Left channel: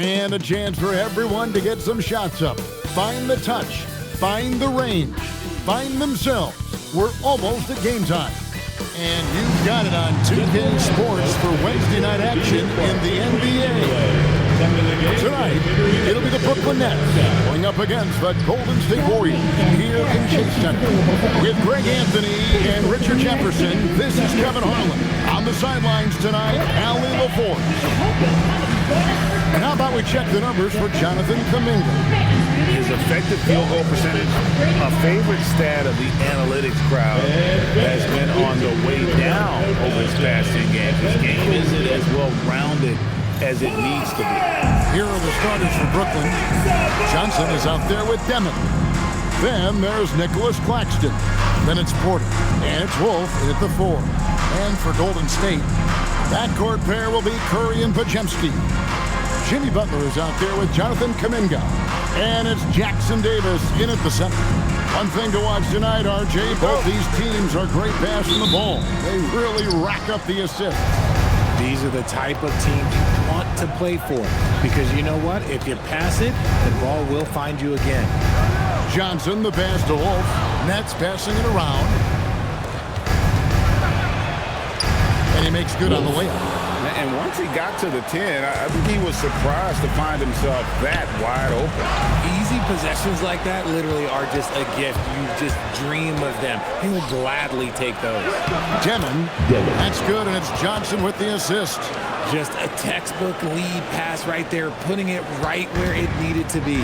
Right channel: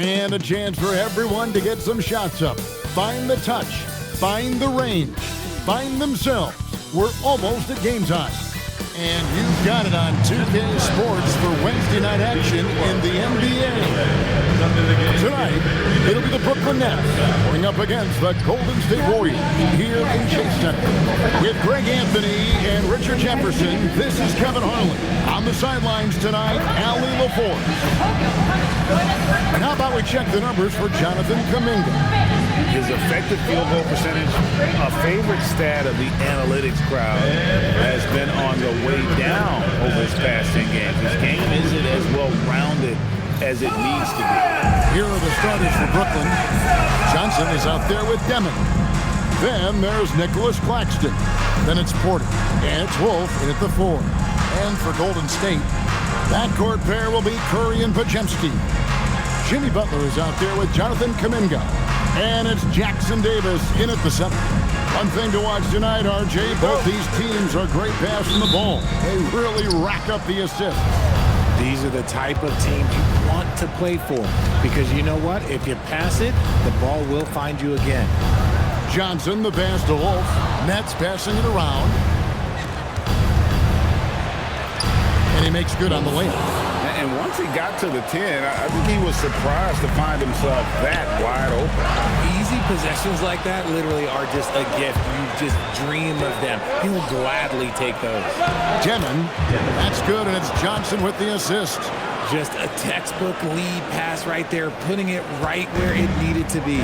And a chance for everyone to get some shots up. Find the touch. Find the range. Find themselves. We're almost at game time. And you've got it on 2K Sports for Wednesday night action in the NBA. Tonight, it'll be the Brooklyn Nets going up against the Golden State Warriors here in Chase Center. With Greg Anthony and Richard Jefferson, this is Kevin Harlan. On the sidelines tonight, Allie LaForce. And how about we check the numbers for Jonathan Kuminga? His effective field goal percentage, a favorite stat of the analytics crowd, has been on the way down over his past 10 games. His game isn't as well-rounded as it needs to be. Here are the starters for Brooklyn. Johnson is out there with Demon. Then there's Nicholas Claxton. Then it's Porter. And it's Wolf in at the 4. And for Golden State, backcourt pair will be Curry and Podziemski. Jimmy Butler is out there with Jonathan Kuminga. And it's Jackson Davis in at the center. One thing to watch tonight, RJ, both these teams are great passing the ball. They really rack up the assists. These are the type of teams you want to play for, because you know what? If you pass it, the ball will find you again. Johnson, the pass to Wolf. Nets passing it around. And he makes good on the layup. And once he got to the 10, I think he was surprised to find himself that wide open. Easy possessions like that literally are just a gift. You just dream of them. He will gladly take those. Demon, that's good, and it's Johnson with the assist. Just a textbook lead pass right there, putting it right where it needed to be.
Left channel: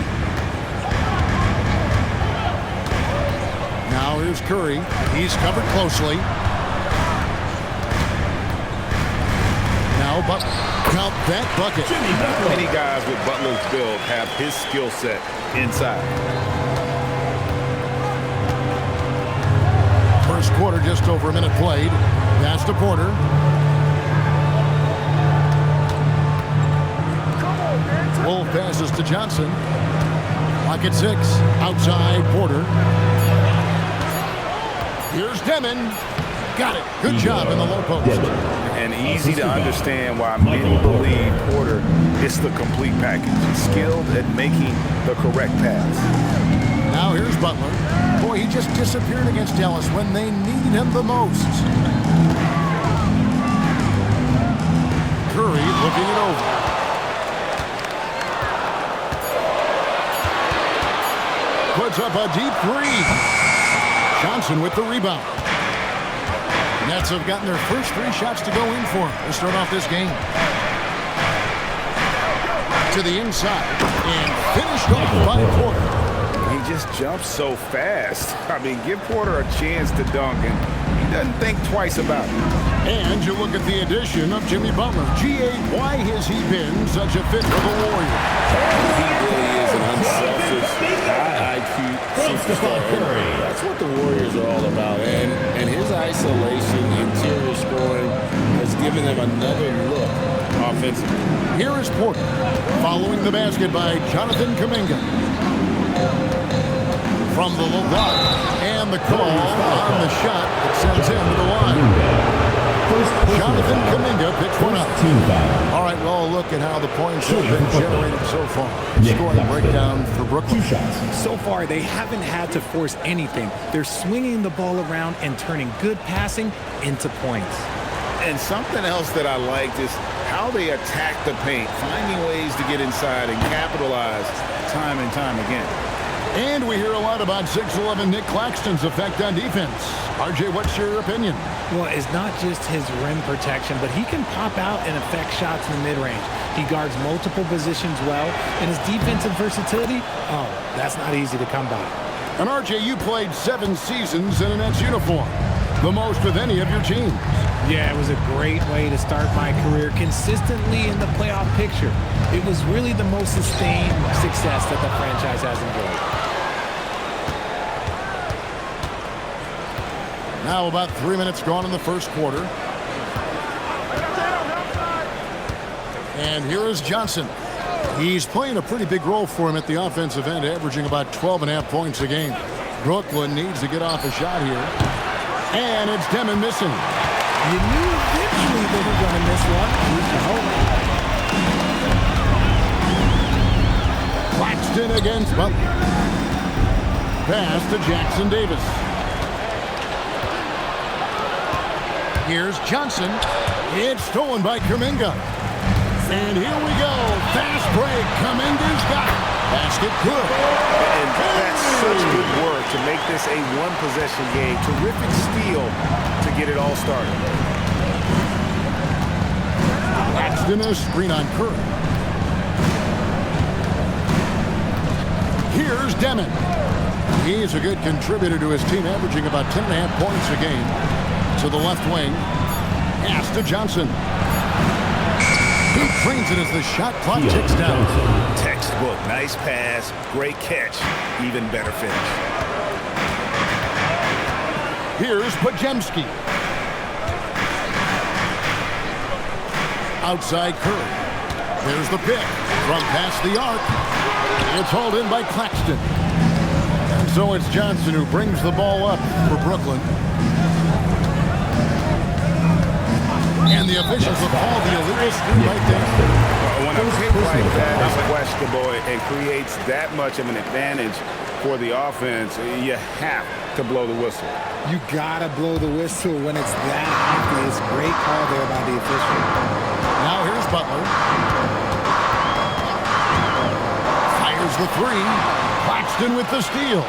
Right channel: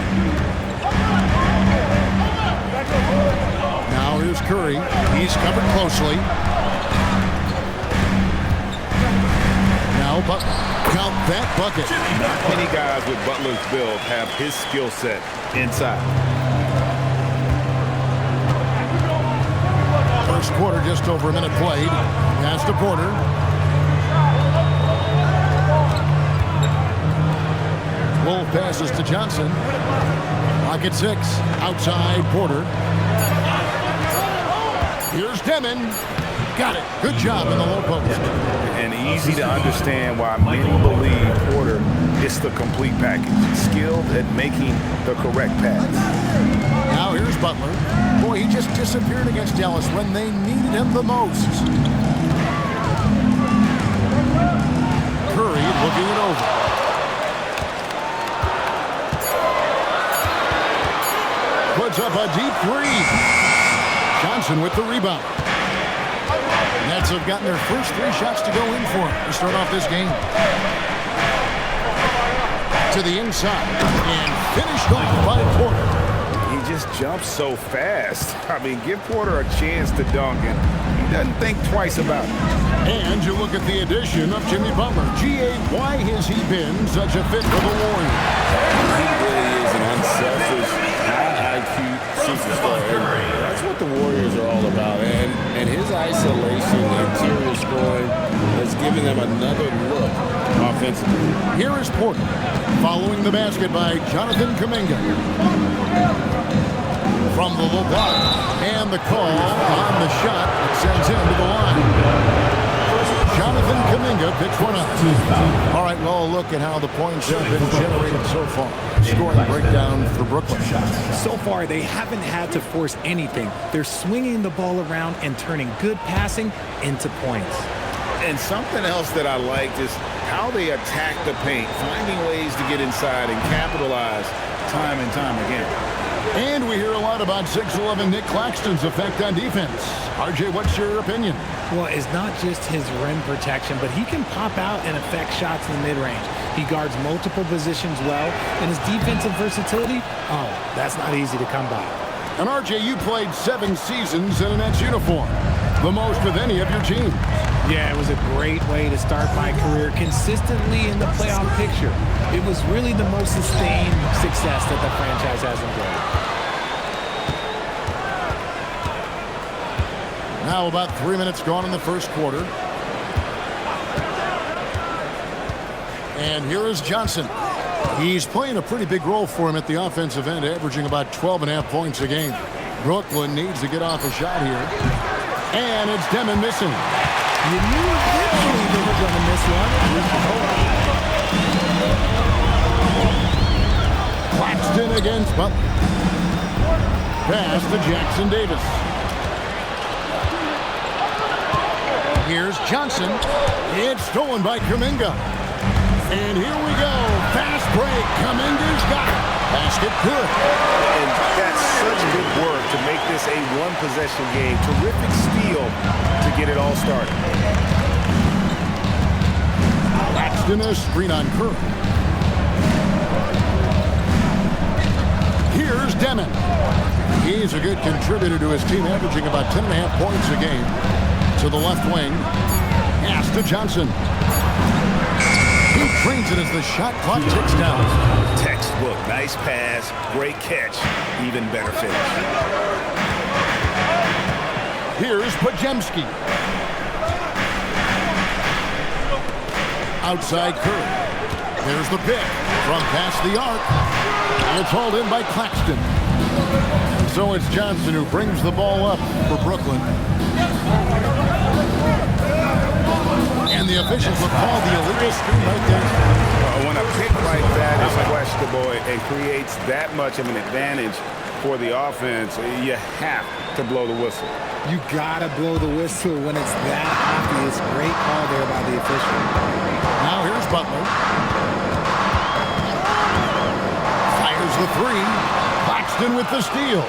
Now here's Curry. He's covered closely. Now Butler. Count that bucket. Not many guys with Butler's build have his skill set inside. First quarter, just over a minute played. Pass to Porter. Wolf passes to Johnson. Clock at 6. Outside Porter. Here's Demon. Got it. Good job in the low post. And easy to understand why many believe Porter is the complete package. Skilled at making the correct pass. Now here's Butler. Boy, he just disappeared against Dallas when they needed him the most. Curry looking it over. Puts up a deep 3. Johnson with the rebound. Nets have gotten their first 3 shots to go in for him to start off this game. To the inside and finished off by Porter. He just jumps so fast. I mean, give Porter a chance to dunk, and he doesn't think twice about it. And you look at the addition of Jimmy Butler. G.A., why has he been such a fit for the Warriors? He really is an unselfish, high IQ superstar. And that's what the Warriors are all about. And his isolation, interior scoring, has given them another look offensively. Here is Porter, following the basket by Jonathan Kuminga. From the low block, and the call on the shot that sends him to the line. Jonathan Kuminga picks one up. All right, well, look at how the points have been generated so far. Scoring breakdown for Brooklyn. So far, they haven't had to force anything. They're swinging the ball around and turning good passing into points. And something else that I liked is how they attack the paint, finding ways to get inside and capitalize time and time again. And we hear a lot about 6'11" Nick Claxton's effect on defense. RJ, what's your opinion? Well, it's not just his rim protection, but he can pop out and affect shots in the mid-range. He guards multiple positions well, and his defensive versatility, oh, that's not easy to come by. And RJ, you played 7 seasons in a Nets uniform, the most with any of your teams. Yeah, it was a great way to start my career consistently in the playoff picture. It was really the most sustained success that the franchise has enjoyed. Now about 3 minutes gone in the first quarter. And here is Johnson. He's playing a pretty big role for him at the offensive end, averaging about 12.5 points a game. Brooklyn needs to get off a shot here. And it's Demon missing. You knew eventually they were going to miss one. At least you hope. Claxton against Butler. Pass to Jackson Davis. Here's Johnson. It's stolen by Kuminga. And here we go. Fast break. Kuminga's got it. Basket good. And that's such good work to make this a one-possession game. Terrific steal to get it all started. Claxton a screen on Curry. Here's Demon. He's a good contributor to his team, averaging about 10.5 points a game. To the left wing. Pass to Johnson. He trains it as the shot clock ticks down. Textbook. Nice pass. Great catch. Even better finish. Here's Podziemski. Outside Curry. There's the pick from past the arc. It's hauled in by Claxton. And so it's Johnson who brings the ball up for Brooklyn. And the officials will call the illegal screen right there. Well, when a pick like that is questionable and creates that much of an advantage for the offense, you have to blow the whistle. You gotta blow the whistle when it's that obvious. Great call there by the official. Now here's Butler. Fires the three. Claxton with the steal.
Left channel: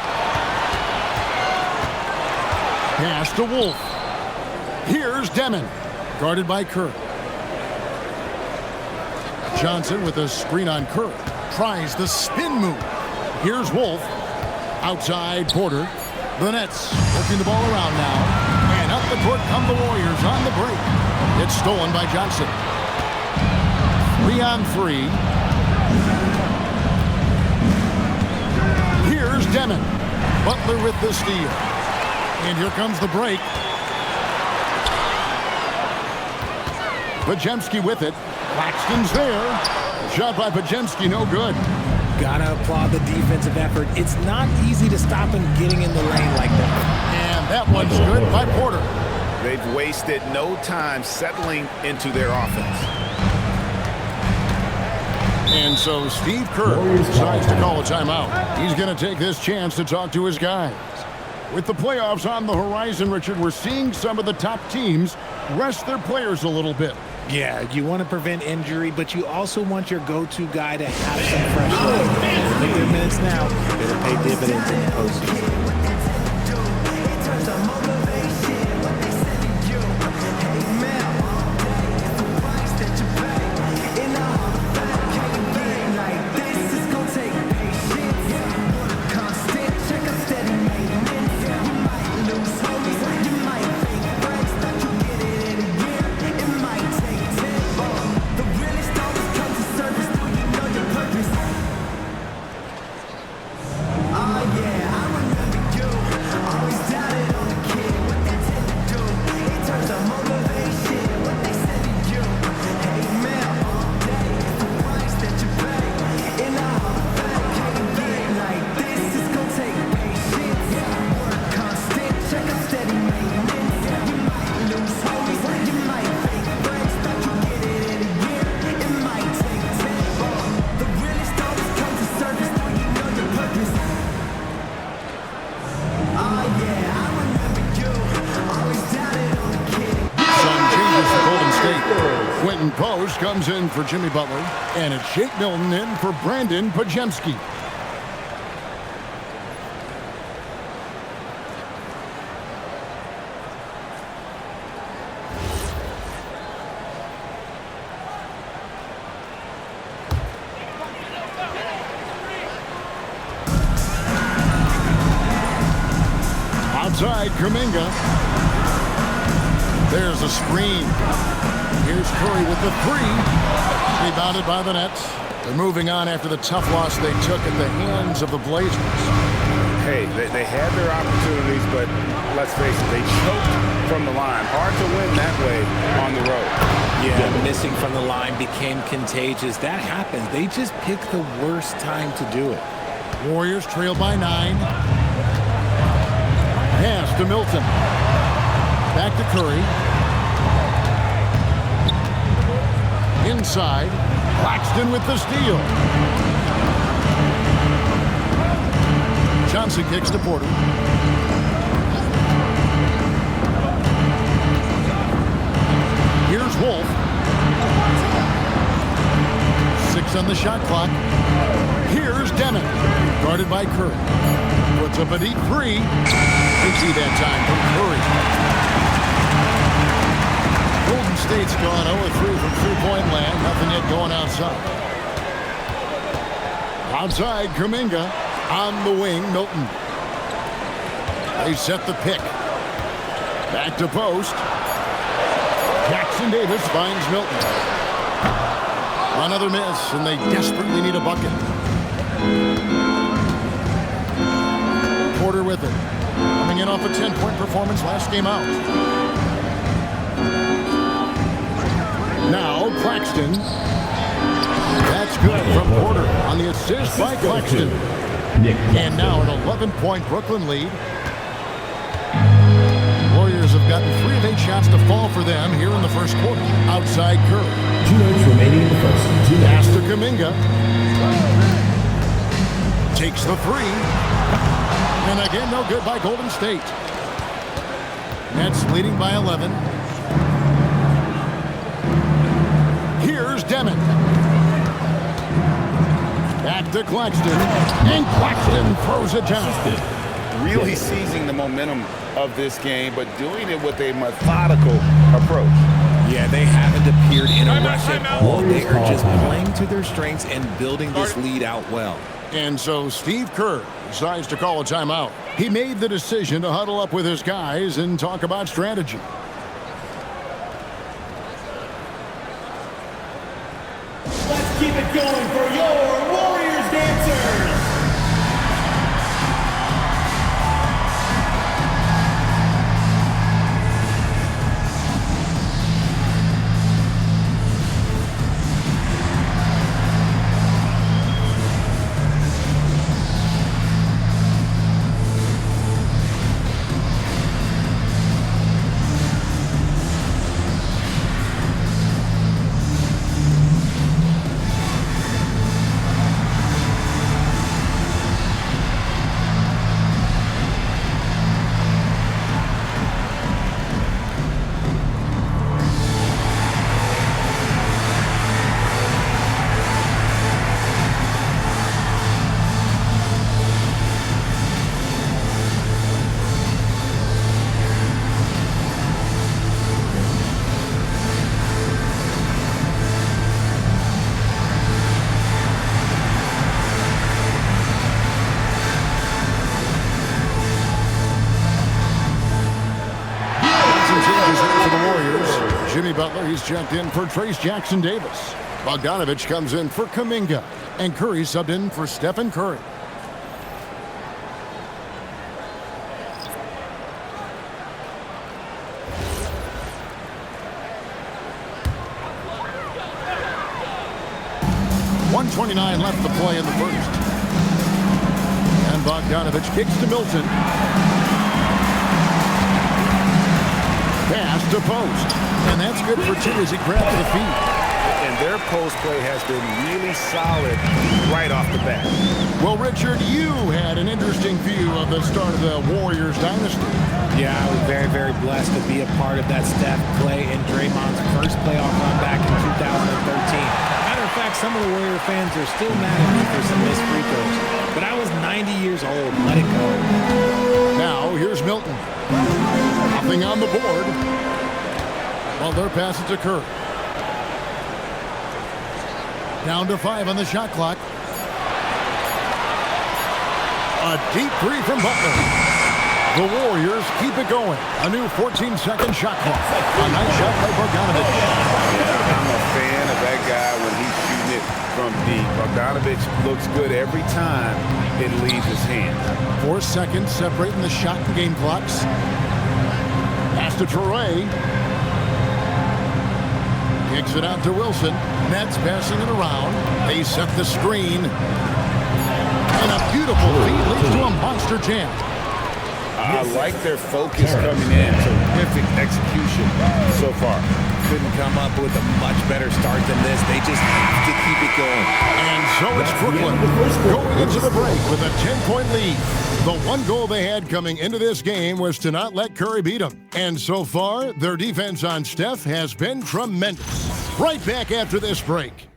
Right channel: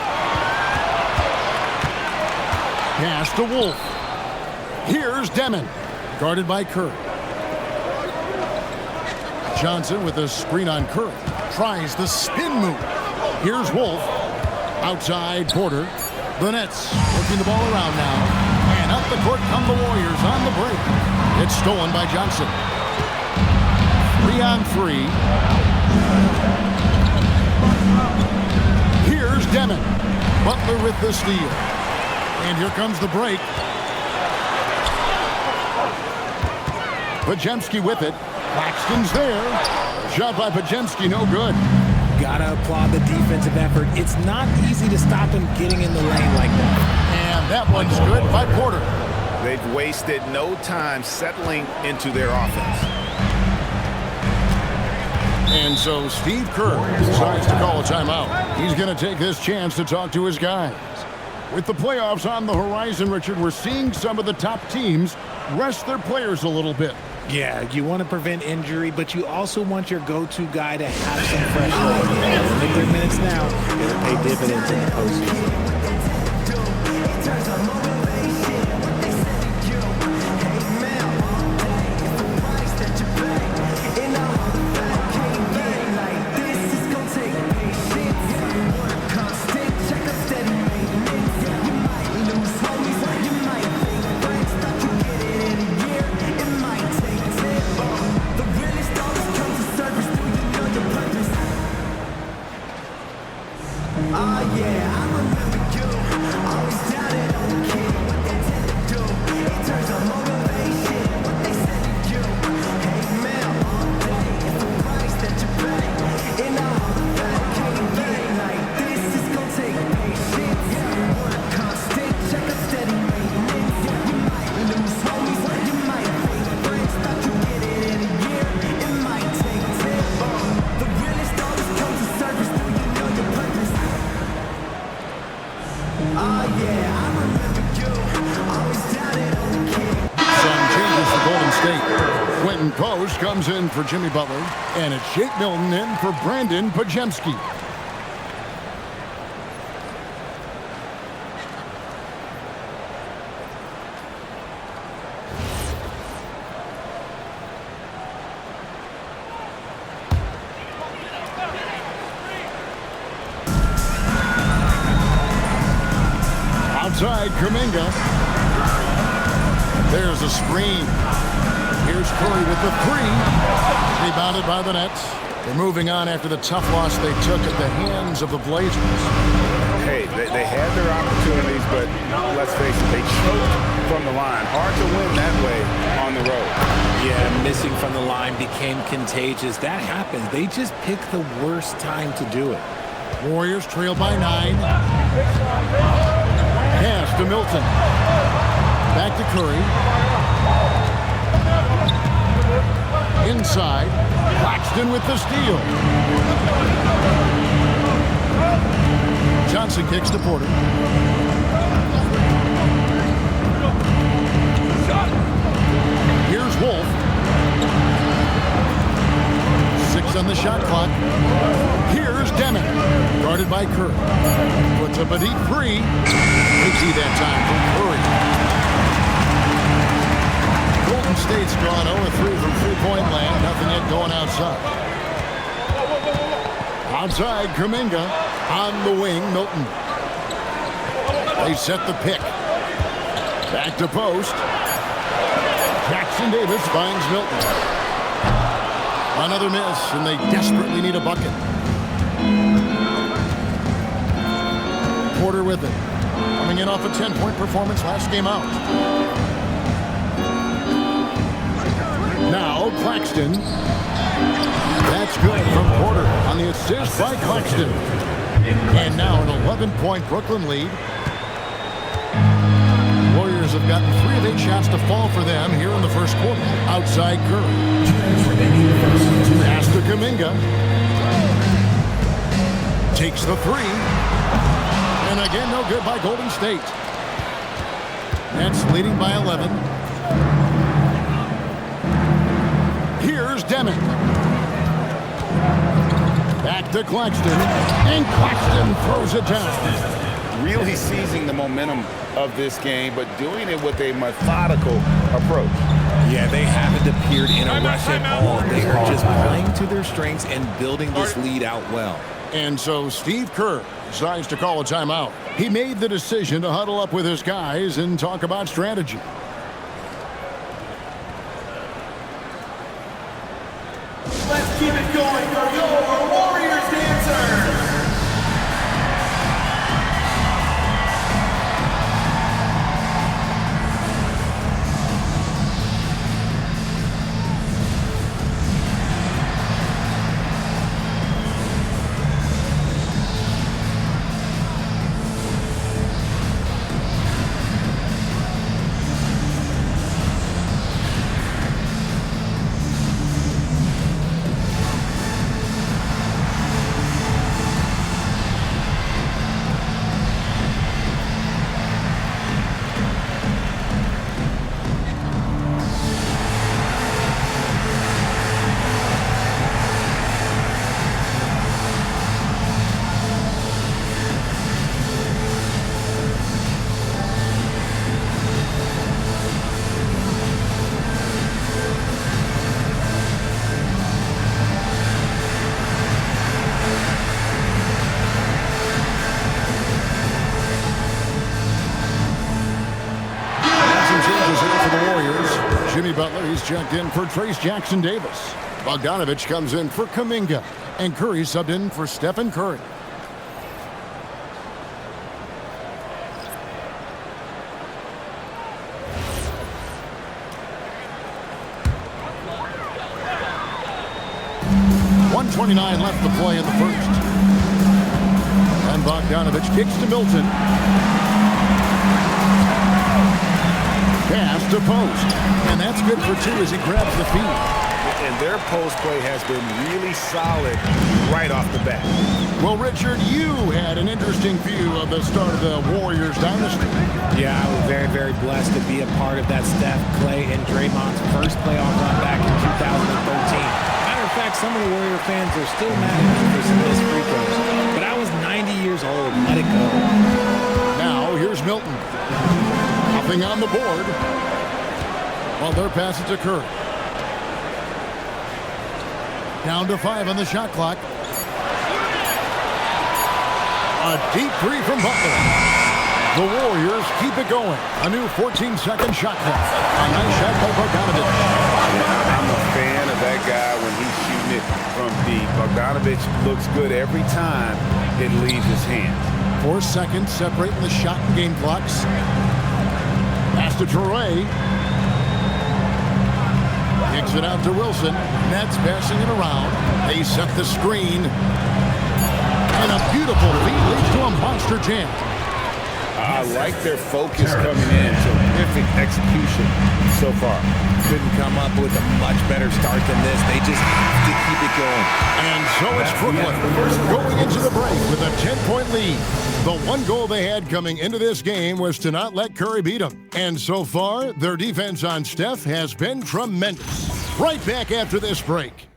Pass to Wolf. Here's Demon. Guarded by Curry. Johnson with a screen on Curry. Tries the spin move. Here's Wolf. Outside Porter. The Nets working the ball around now. And up the court come the Warriors on the break. It's stolen by Johnson. 3-on-3. Here's Demon. Butler with the steal. And here comes the break. Podziemski with it. Claxton's there. Shot by Podziemski, no good. Gotta applaud the defensive effort. It's not easy to stop him getting in the lane like that. And that one's good by Porter. They've wasted no time settling into their offense. And so Steve Kerr decides to call a timeout. He's going to take this chance to talk to his guys. With the playoffs on the horizon, Richard, we're seeing some of the top teams rest their players a little bit. Yeah, you want to prevent injury, but you also want your go-to guy to have some fresh legs. They'll make their minutes now. It'll pay dividends in the postseason. Post comes in for Jimmy Butler, and it's Shake Milton in for Brandon Podziemski. Outside Kuminga. There's a screen. Here's Curry with the three. Rebounded by the Nets. They're moving on after the tough loss they took at the hands of the Blazers. Hey, they had their opportunities, but let's face it, they choked from the line. Hard to win that way on the road. Yeah, missing from the line became contagious. That happens. They just picked the worst time to do it. Warriors trail by 9. Pass to Milton. Back to Curry. inside. Claxton with the steal. Johnson kicks to Porter. Here's Wolf. 6 on the shot clock. Here's Deming. Guarded by Curry. Puts up a deep 3. Easy that time from Curry. Golden State's gone 0-3 from three-point land. Nothing yet going outside. Outside, Kuminga. On the wing, Milton. They set the pick. Back to post. Jackson Davis finds Milton. Another miss, and they desperately need a bucket. Porter with it. Coming in off a 10-point performance last game out. Now, Claxton. That's good from Porter on the assist by Claxton. And now an 11-point Brooklyn lead. Warriors have gotten 3 of 8 shots to fall for them here in the first quarter. Outside Curry. 2 minutes remaining in the first. Pass to Kuminga. Takes the 3. And again, no good by Golden State. Nets leading by 11. Here's Deming. Back to Claxton. And Claxton throws it down. Really seizing the momentum of this game, but doing it with a methodical approach. Yeah, they haven't appeared in a rush at all. They are just playing to their strengths and building this lead out well. And so Steve Kerr decides to call a timeout. He made the decision to huddle up with his guys and talk about strategy. Let's keep it going for your Warriors dancers. Jimmy Butler, he's checked in for Trace Jackson Davis. Bogdanovich comes in for Kuminga. And Curry subbed in for Stephen Curry. .129 left to play in the first. And Bogdanovich kicks to Milton. Pass to post. And that's good for 2 as he grabs the feed. And their post play has been really solid right off the bat. Well, Richard, you had an interesting view of the start of the Warriors dynasty. Yeah, I was very, very blessed to be a part of that Steph, Clay, and Draymond's first playoff run back in 2013. Matter of fact, some of the Warrior fans are still mad at me for some missed free throws. But I was 90 years old. Let it go. Now, here's Milton. Nothing on the board. Well, they're passing to Curry. Down to 5 on the shot clock. A deep 3 from Butler. The Warriors keep it going. A new 14-second shot clock. A nice shot by Bogdanovich. Yeah, I'm a fan of that guy when he's shooting it from deep. Bogdanovich looks good every time it leaves his hands. 4 seconds separating the shot and game clocks. Pass to Traore. Kicks it out to Wilson. Nets passing it around. They set the screen. And a beautiful feed leads to a monster jam. I like their focus coming in. Terrific execution so far. couldn't come up with a much better start than this. They just have to keep it going. And so it's Brooklyn going into the break with a 10-point lead. The one goal they had coming into this game was to not let Curry beat them. And so far, their defense on Steph has been tremendous. Right back after this break.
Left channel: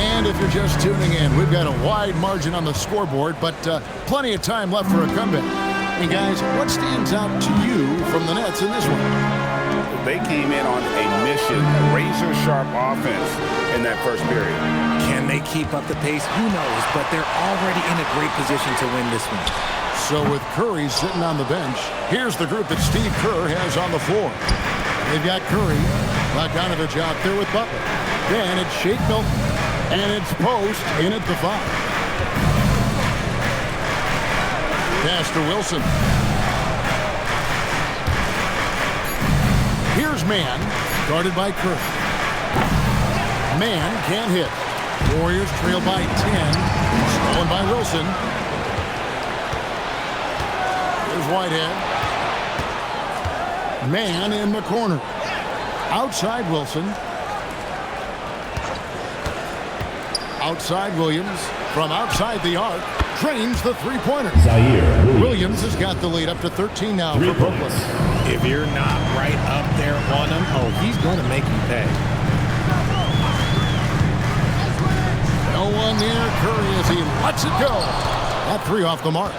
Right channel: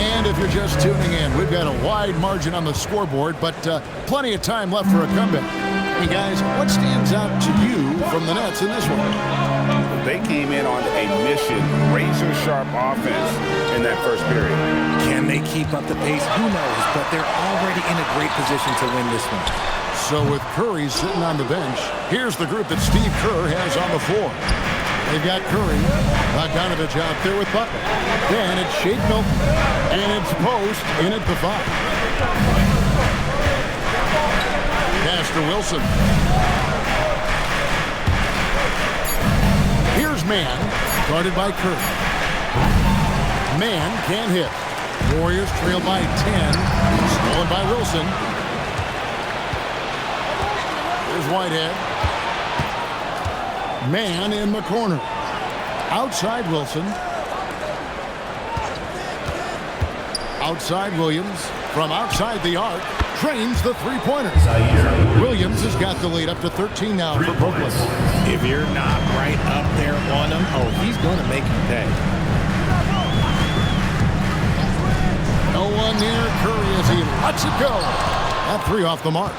And if you're just tuning in, we've got a wide margin on the scoreboard, but plenty of time left for a comeback. And guys, what stands out to you from the Nets in this one? They came in on a mission, razor-sharp offense in that first period. Can they keep up the pace? Who knows, but they're already in a great position to win this one. So with Curry sitting on the bench, here's the group that Steve Kerr has on the floor. They've got Curry, Bogdanovich out there with Butler. Then it's Shake Milton, and it's Post in at the 5. Pass to Wilson. Here's Mann, guarded by Curry. Mann can't hit. Warriors trail by 10, stolen by Wilson. Here's Whitehead. Mann in the corner. Outside Wilson. Outside Williams. From outside the arc. Trains the three-pointer. Williams has got the lead up to 13 now for Brooklyn. If you're not right up there on him, oh, he's going to make you pay. No one near Curry as he lets it go. That three off the mark.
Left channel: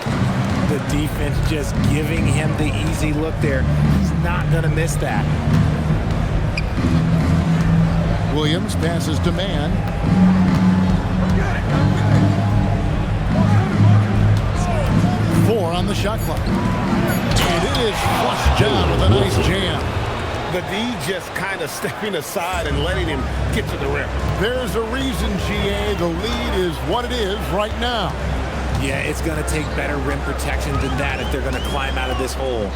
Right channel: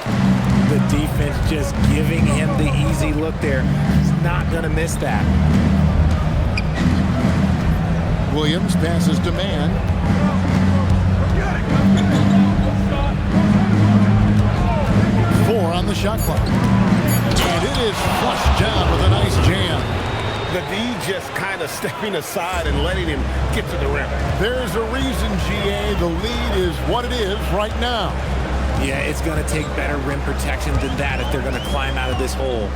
The defense just giving him the easy look there. He's not going to miss that. Williams passes to Mann. 4 on the shot clock. And it is flushed down with a nice jam. The D just kind of stepping aside and letting him get to the rim. There's a reason, GA, the lead is what it is right now. Yeah, it's going to take better rim protection than that if they're going to climb out of this hole.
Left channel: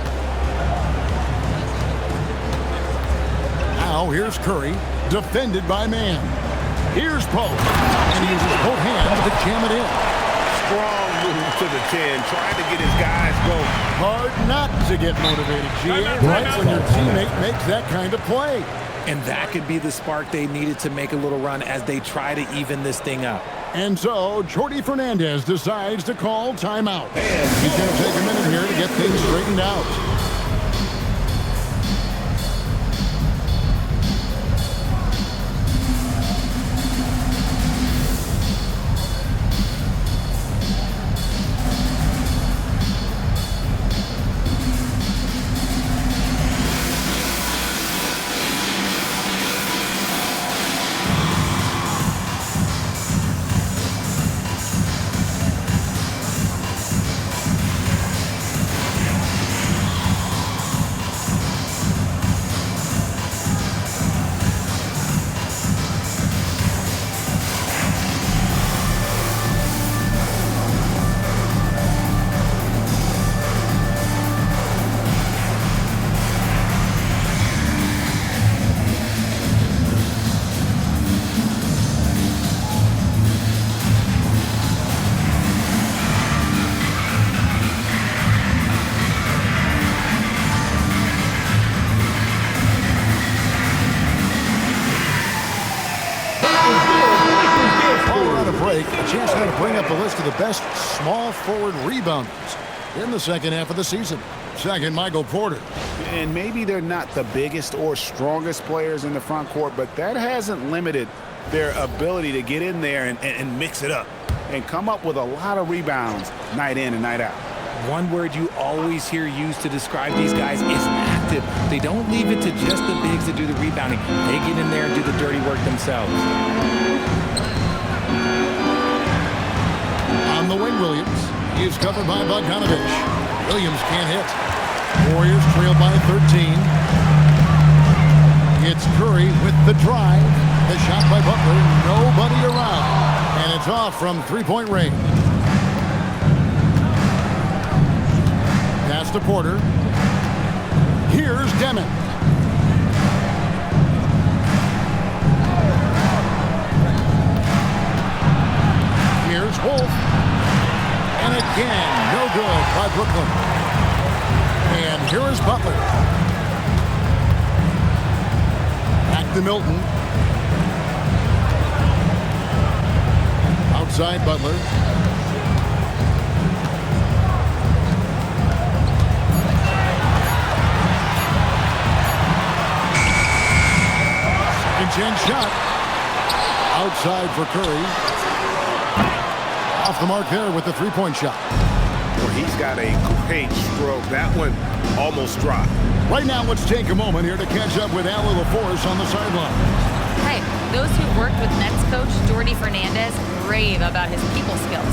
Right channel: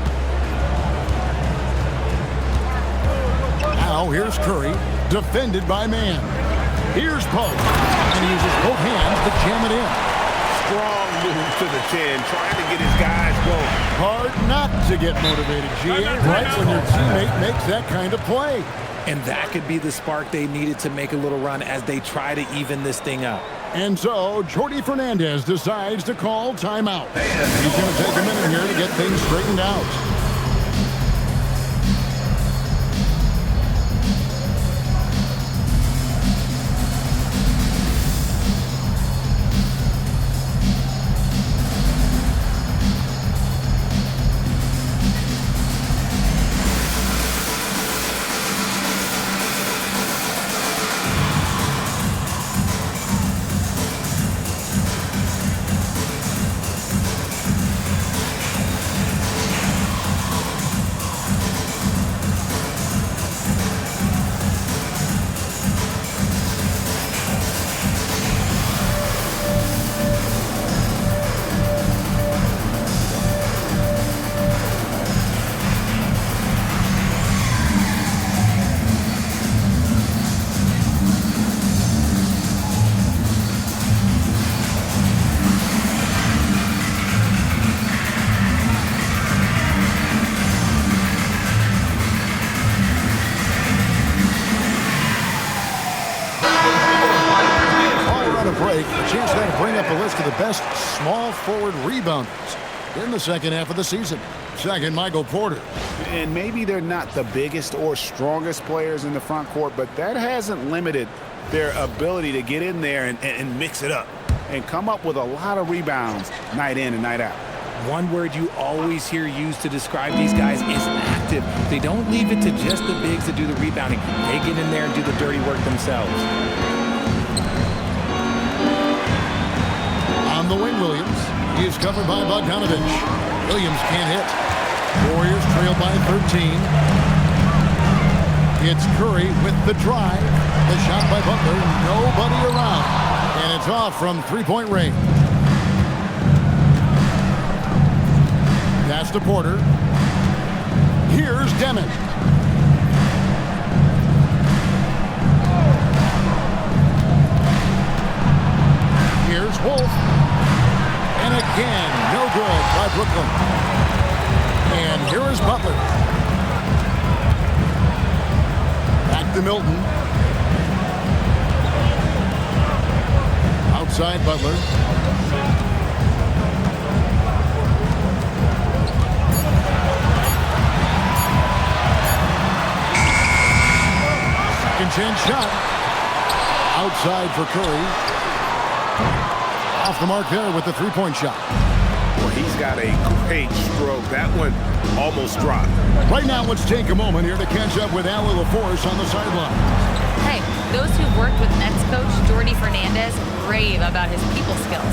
Now here's Curry, defended by Mann. Here's Pope, and he uses both hands to jam it in. Strong move to the 10, trying to get his guys going. Hard not to get motivated, GA, right when your teammate makes that kind of play. And that could be the spark they needed to make a little run as they try to even this thing up. And so, Jordi Fernandez decides to call timeout. He's going to take a minute here to get things straightened out. Break, a chance now to bring up a list of the best small forward rebounders in the second half of the season. Second, Michael Porter. And maybe they're not the biggest or strongest players in the front court, but that hasn't limited their ability to get in there and mix it up and come up with a lot of rebounds night in and night out. One word you always hear used to describe these guys is active. They don't leave it to just the bigs to do the rebounding. They get in there and do the dirty work themselves. On the wing, Williams. He is covered by Bogdanovich. Williams can't hit. Warriors trail by 13. It's Curry with the drive. The shot by Butler. Nobody around. And it's off from three-point range. Pass to Porter. Here's Demon. Here's Wolf. And again, no good by Brooklyn. And here is Butler. Back to Milton. Outside Butler. Second chance shot. Outside for Curry. Off the mark there with the three-point shot. Well, he's got a great stroke. That one almost dropped. Right now, let's take a moment here to catch up with Allie LaForce on the sideline. Hey, those who've worked with Nets coach Jordi Fernandez rave about his people skills.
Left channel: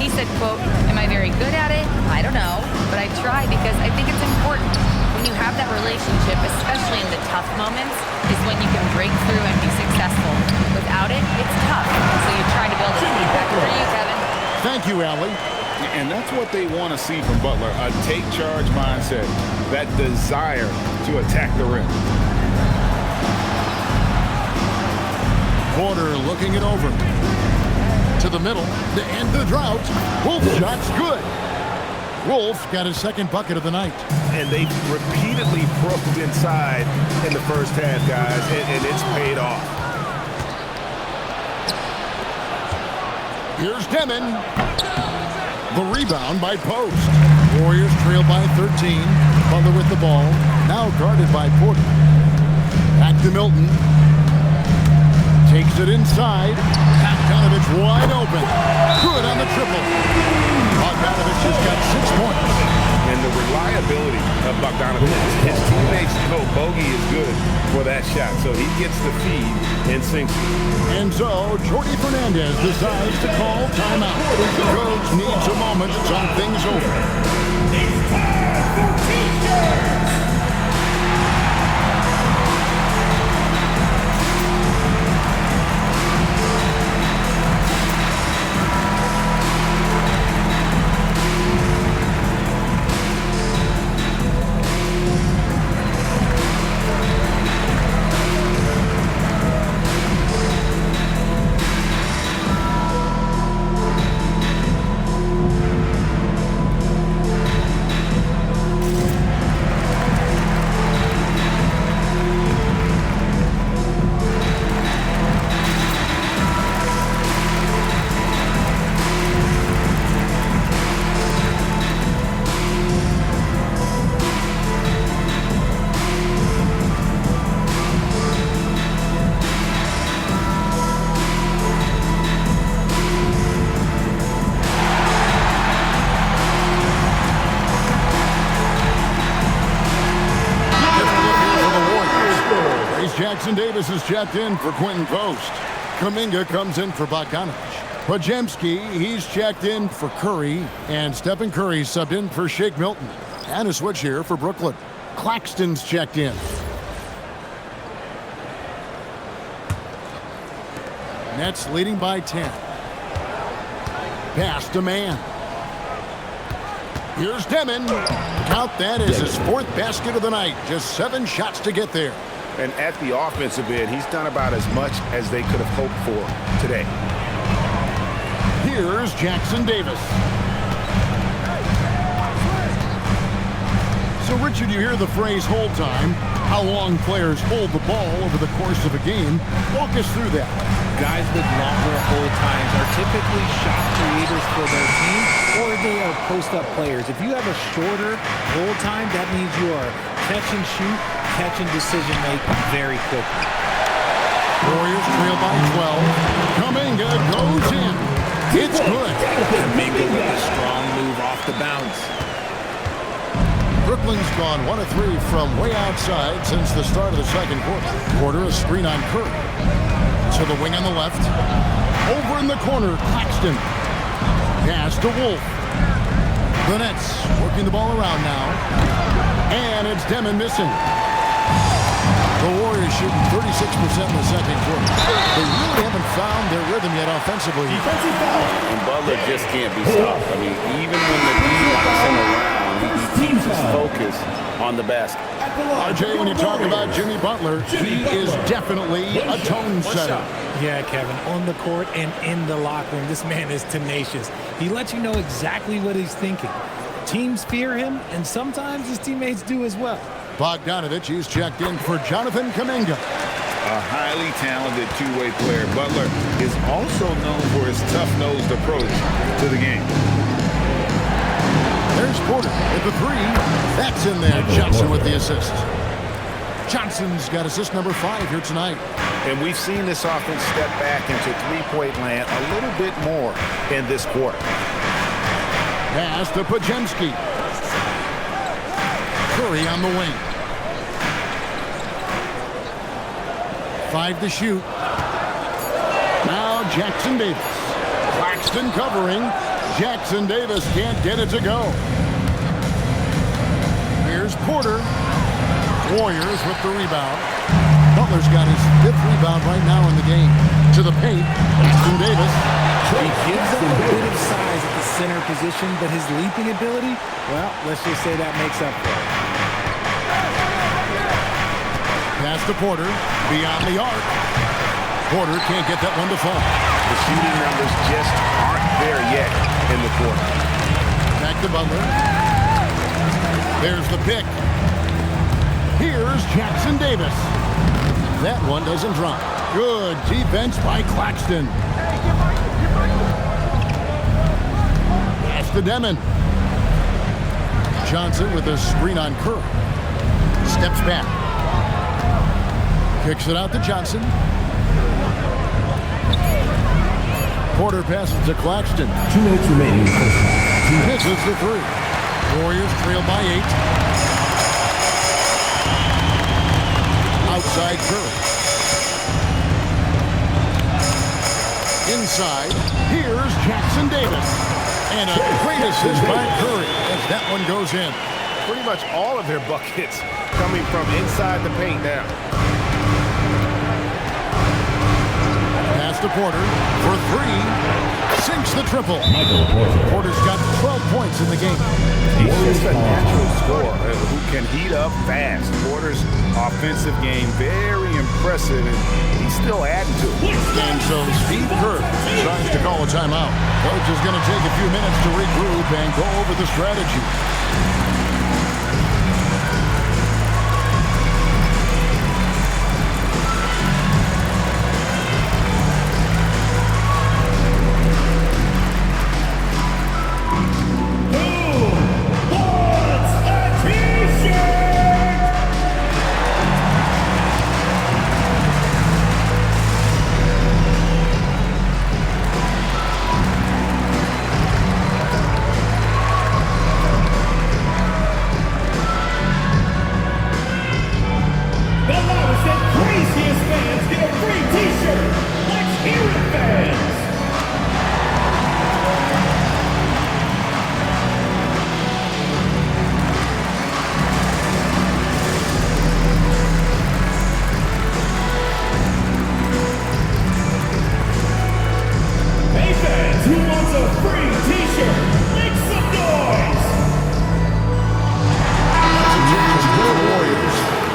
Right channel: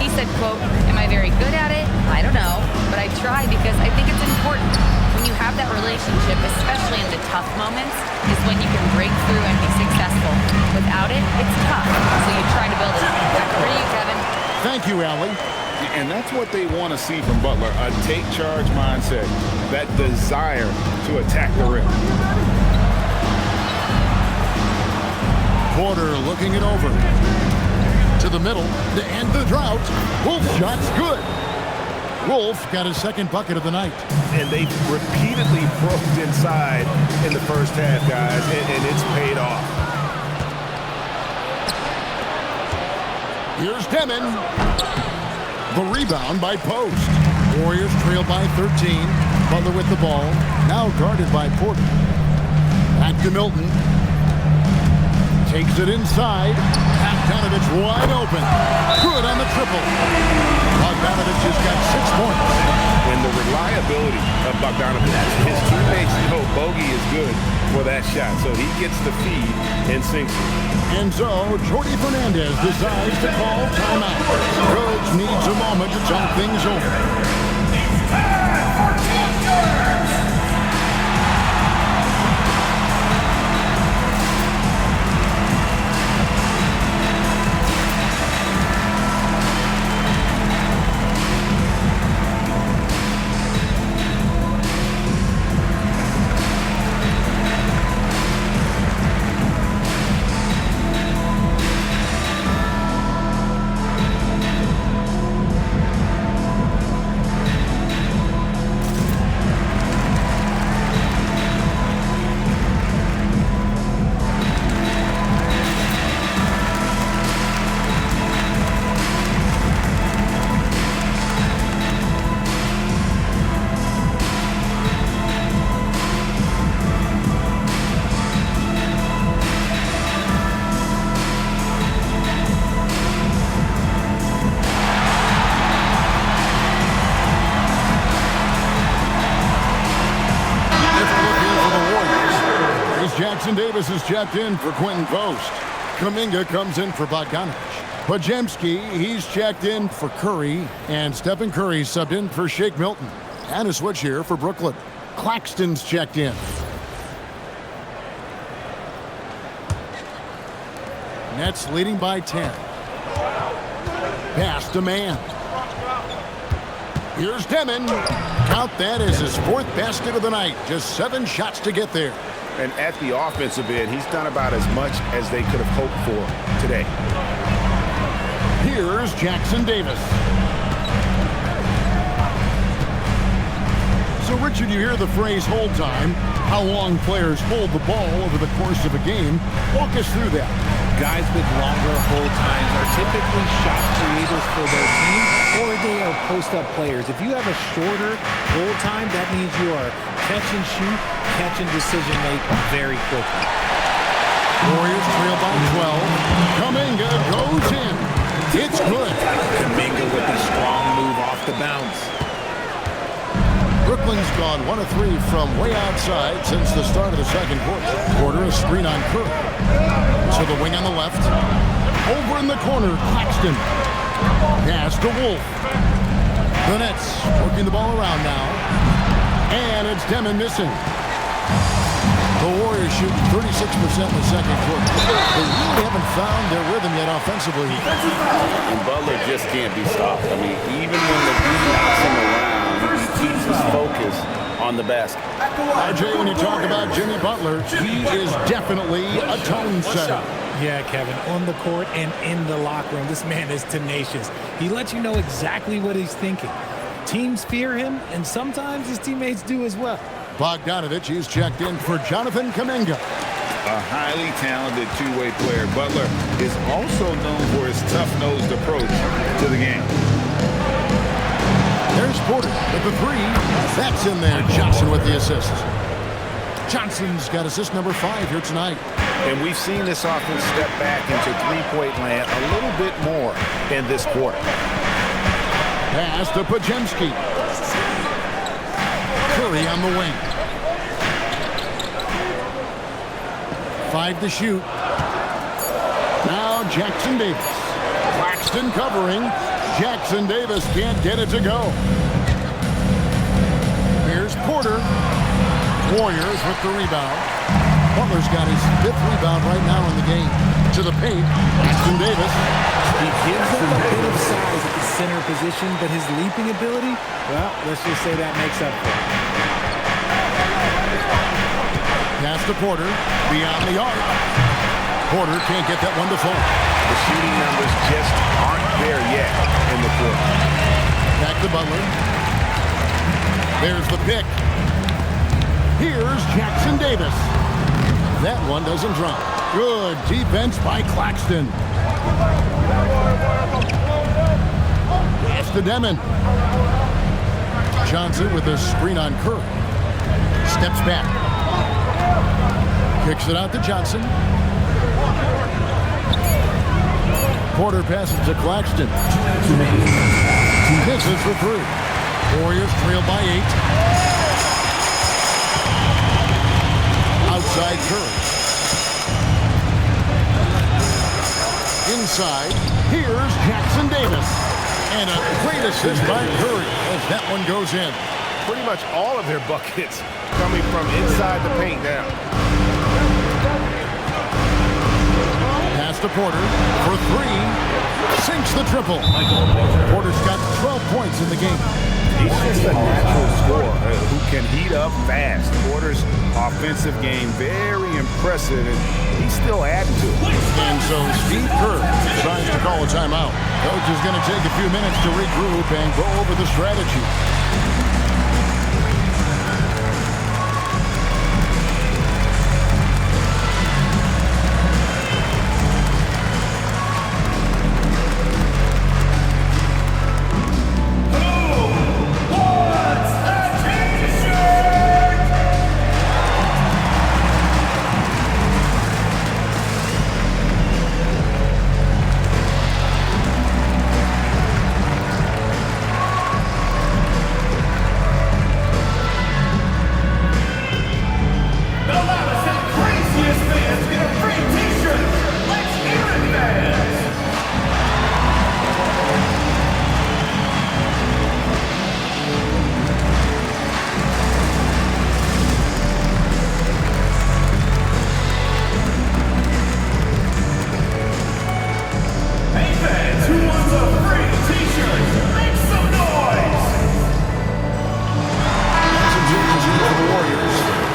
He said, quote, "Am I very good at it? I don't know, but I try because I think it's important. When you have that relationship, especially in the tough moments, is when you can break through and be successful. Without it, it's tough. So you try to build it. Back over to you, Kevin." Thank you, Allie. And that's what they want to see from Butler, a take-charge mindset, that desire to attack the rim. Porter looking it over. To the middle to end the drought. Wolf shot's good. Wolf got his second bucket of the night. And they repeatedly probed inside in the first half, guys, and it's paid off. Here's Demon. The rebound by Post. Warriors trail by 13. Butler with the ball. Now guarded by Porter. Back to Milton. Takes it inside. Bogdanovich wide open. Good on the triple. Bogdanovich has got 6 points. And the reliability of Bogdanovich. His teammates know Bogey is good for that shot, so he gets the feed and sinks it. And so, Jordi Fernandez decides to call timeout. Coach needs a moment to talk things over. It's time for T-shirts! Jackson Davis is checked in for Quentin Post. Kuminga comes in for Bogdanovich. Podziemski, he's checked in for Curry. And Stephen Curry subbed in for Shake Milton. And a switch here for Brooklyn. Claxton's checked in. Nets leading by 10. Pass to man. Here's Demon. Count that as his 4th basket of the night. Just 7 shots to get there. And at the offensive end, he's done about as much as they could have hoped for today. Here's Jackson Davis. So, Richard, you hear the phrase hold time. How long players hold the ball over the course of a game. Walk us through that. Guys with longer hold times are typically shot creators for their team, or they are post-up players. If you have a shorter hold time, that means you are catch and shoot, catch and decision make very quickly. Warriors trail by 12. Kuminga goes in. It's good. Kuminga with a strong move off the bounce. Brooklyn's gone 1 of 3 from way outside since the start of the second quarter. Porter a screen on Curry. To the wing on the left. Over in the corner, Claxton. Pass to Wolf. The Nets working the ball around now. And it's Demon missing. The Warriors shooting 36% in the second quarter. They really haven't found their rhythm yet offensively. And Butler just can't be stopped. I mean, even when the D knocks him around, he keeps his focus on the basket. RJ, when you talk about Jimmy Butler, he is definitely a tone setter. Yeah, Kevin, on the court and in the locker room, this man is tenacious. He lets you know exactly what he's thinking. Teams fear him, and sometimes his teammates do as well. Bogdanovich, he's checked in for Jonathan Kuminga. A highly talented two-way player. Butler is also known for his tough-nosed approach to the game. There's Porter with the three. That's in there. Johnson with the assist. Johnson's got assist number 5 here tonight. And we've seen this offense step back into three-point land a little bit more in this quarter. Pass to Podziemski. Curry on the wing. 5 to shoot. Now Jackson Davis. Claxton covering. Jackson Davis can't get it to go. Here's Porter. Warriors with the rebound. Butler's got his 5th rebound right now in the game. To the paint. Jackson Davis. He gives up a bit of size at the center position, but his leaping ability, well, let's just say that makes up for it. Pass to Porter. Beyond the arc. Porter can't get that one to fall. The shooting numbers just aren't there yet in the quarter. Back to Butler. There's the pick. Here's Jackson Davis. That one doesn't drop. Good defense by Claxton. Pass to Demon. Johnson with a screen on Curry. Steps back. Kicks it out to Johnson. Porter passes to Claxton. 2 minutes remaining. Misses the 3. Warriors trail by 8. Outside Curry. Inside, here's Jackson Davis. And a great assist by Curry as that one goes in. Pretty much all of their buckets coming from inside the paint now. Pass to Porter for 3. Sinks the triple. Porter's got 12 points in the game. He's just a natural scorer who can heat up fast. Porter's offensive game very impressive, and he's still adding to it. And so Steve Kerr decides to call a timeout. Coach is going to take a few minutes to regroup and go over the strategy.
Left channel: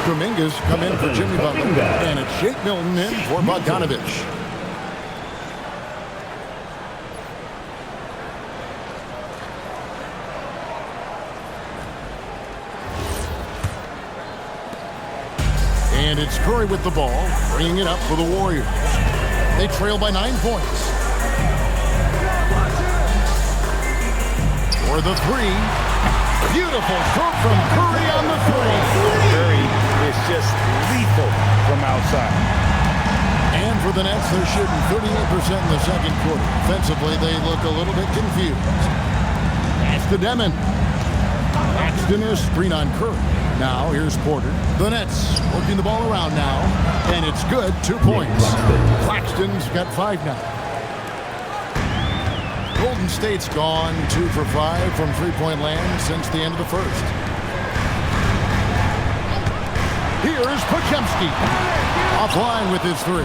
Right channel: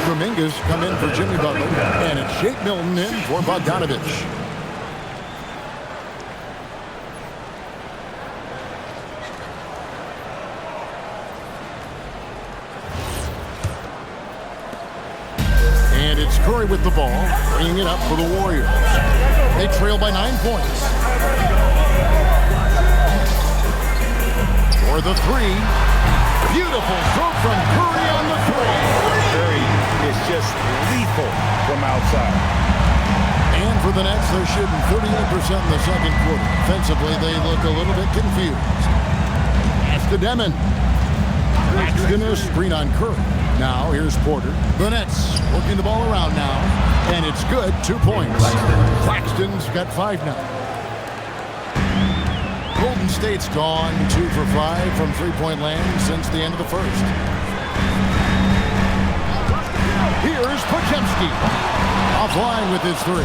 Kuminga's come in for Jimmy Butler, and it's Shake Milton in for Bogdanovich. And it's Curry with the ball, bringing it up for the Warriors. They trail by 9 points. For the 3. Beautiful stroke from Curry on the 3. Curry is just lethal from outside. And for the Nets, they're shooting 38% in the second quarter. Offensively, they look a little bit confused. Pass to Demon. Claxton a screen on Curry. Now here's Porter. The Nets working the ball around now, and it's good. 2 points. Claxton's got 5 now. Golden State's gone 2 for 5 from three-point land since the end of the first. Here's Podziemski. Offline with his 3.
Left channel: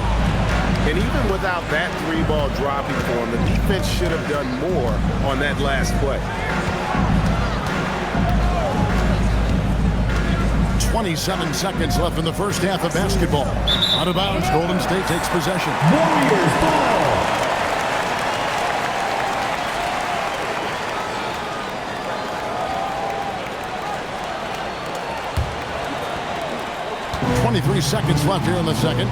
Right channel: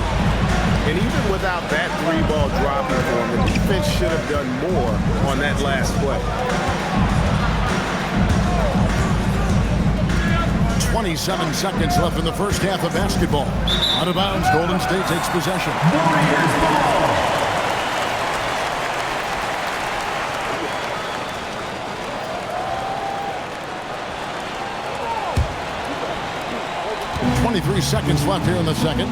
And even without that 3-ball dropping for him, the defense should have done more on that last play. 27 seconds left in the first half of basketball. Out of bounds, Golden State takes possession. Warriors ball. 23 seconds left here in the second.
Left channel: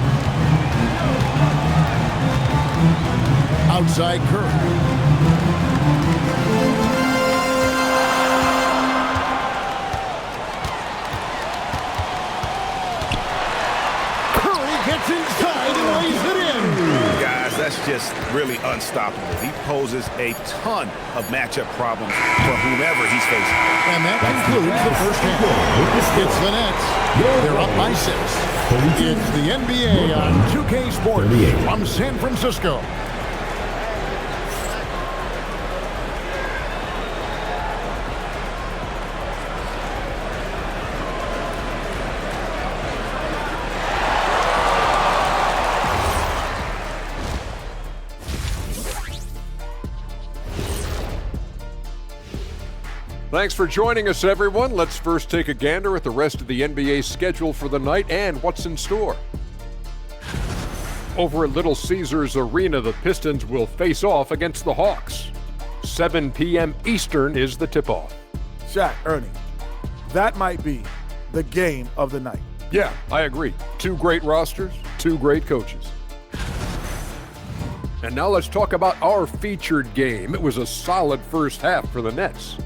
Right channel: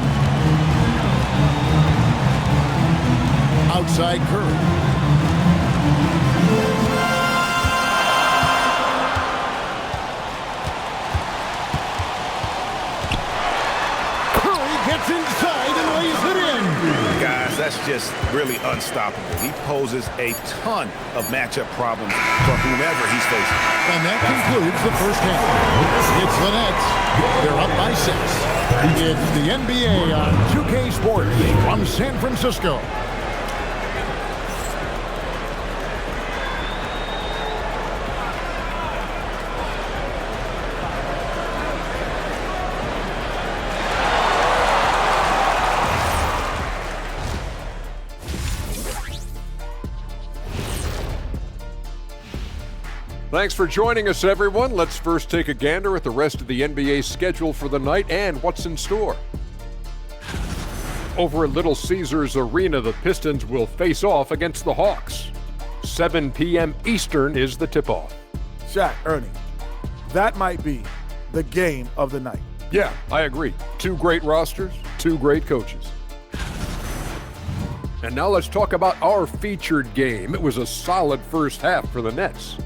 Outside Curry. Gets inside and lays it in. Guys, that's just really unstoppable. He poses a ton of matchup problems for whomever he's facing. And that concludes the first half. It's the Nets. They're up by 6. It's the NBA on 2K Sports from San Francisco. Thanks for joining us, everyone. Let's first take a gander at the rest of the NBA schedule for the night and what's in store. Over at Little Caesars Arena, the Pistons will face off against the Hawks. 7 p.m. Eastern is the tip-off. Shaq, Ernie, that might be the game of the night. Yeah, I agree. 2 great rosters, 2 great coaches. And now let's talk about our featured game. It was a solid first half for the Nets.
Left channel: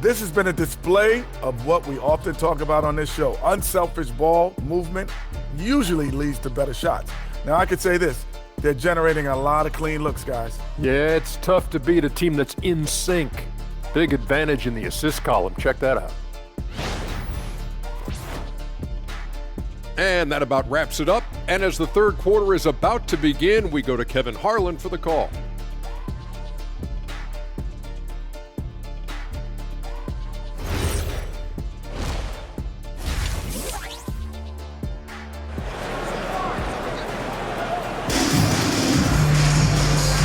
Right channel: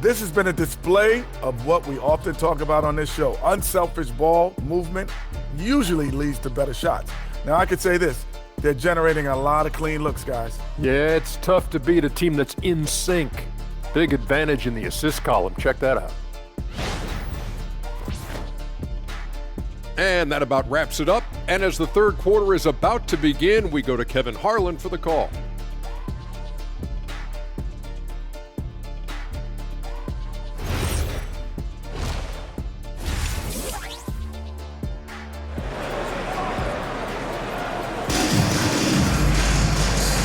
This has been a display of what we often talk about on this show. Unselfish ball movement usually leads to better shots. Now, I could say this. They're generating a lot of clean looks, guys. Yeah, it's tough to beat a team that's in sync. Big advantage in the assist column. Check that out. And that about wraps it up. And as the third quarter is about to begin, we go to Kevin Harlan for the call.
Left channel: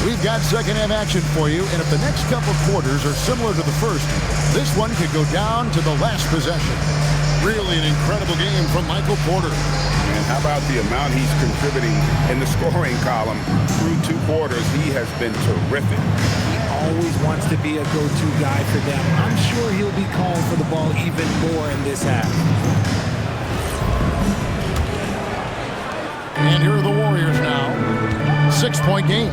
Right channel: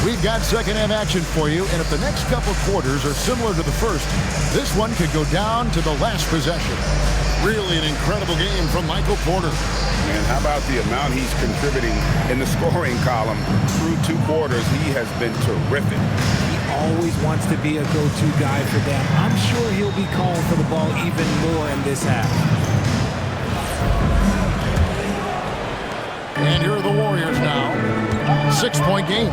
We've got second half action for you, and if the next couple quarters are similar to the first, this one could go down to the last possession. Really an incredible game from Michael Porter. And how about the amount he's contributing in the scoring column through 2 quarters? He has been terrific. He always wants to be a go-to guy for them. I'm sure he'll be calling for the ball even more in this half. And here are the Warriors now. 6-point game.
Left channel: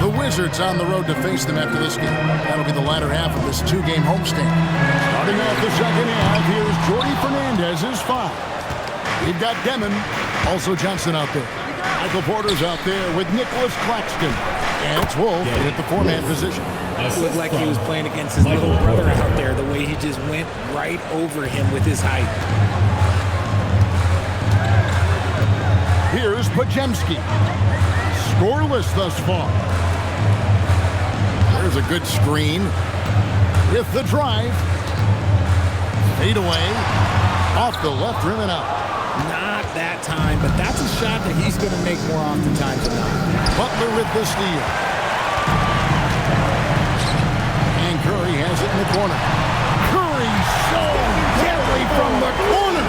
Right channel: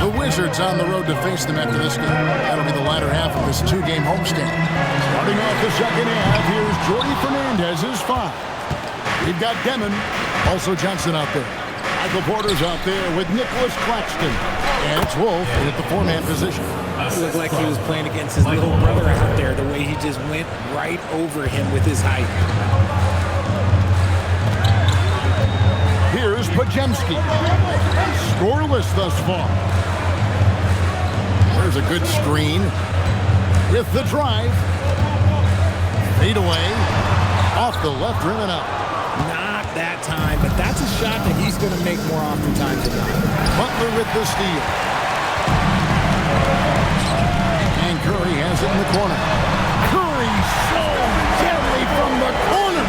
The Wizards on the road to face them after this game. That'll be the latter half of this 2-game homestand. Starting off the second half, here's Jordi Fernandez's 5. We've got Demon, also Johnson out there. Michael Porter's out there with Nicholas Claxton. And it's Wolf at the 4-man position. It looked like he was playing against his little brother out there, the way he just went right over him with his height. Here's Pajemski. Scoreless thus far. There's a good screen. With the drive. Fade away. Off the left rim and out. Not that time, but that's a shot that he's going to make more oftentimes than not. Butler with the steal. And Curry has it in the corner. Curry so deadly from the corner.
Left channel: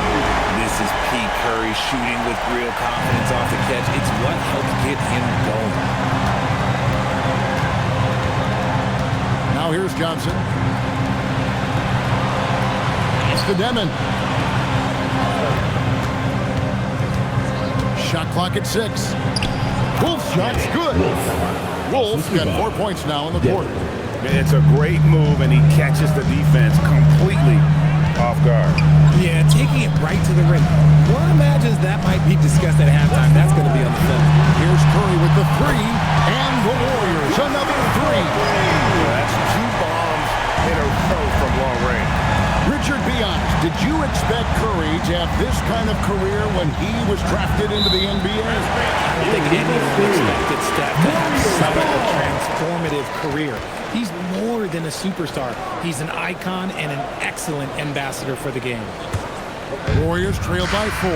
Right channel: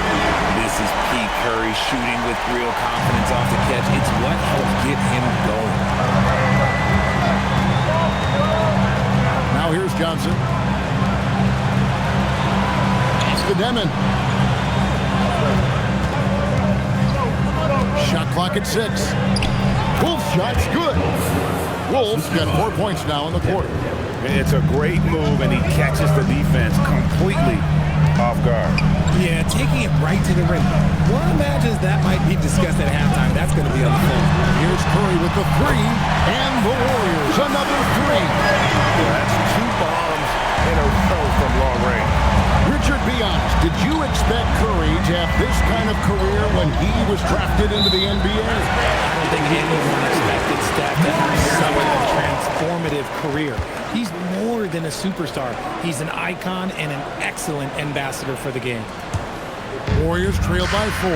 This is Pete Curry shooting with real confidence off the catch. It's what helps get him going. Now here's Johnson. Pass to Demon. Shot clock at 6. Wolf's shot's good. Wolf's got 4 points now in the quarter. It's a great move, and he catches the defense completely off guard. Yeah, taking it right to the rim. One imagines that might be discussed at halftime. That's going to be on the film. Here's Curry with the 3, and the Warriors another 3. Yeah, that's 2 bombs in a row from long range. Richard, be honest, did you expect Curry to have this kind of career when he was drafted into the NBA? I don't think anyone expected Steph to have such a transformative career. He's more than a superstar. He's an icon and an excellent ambassador for the game. Warriors trail by 4.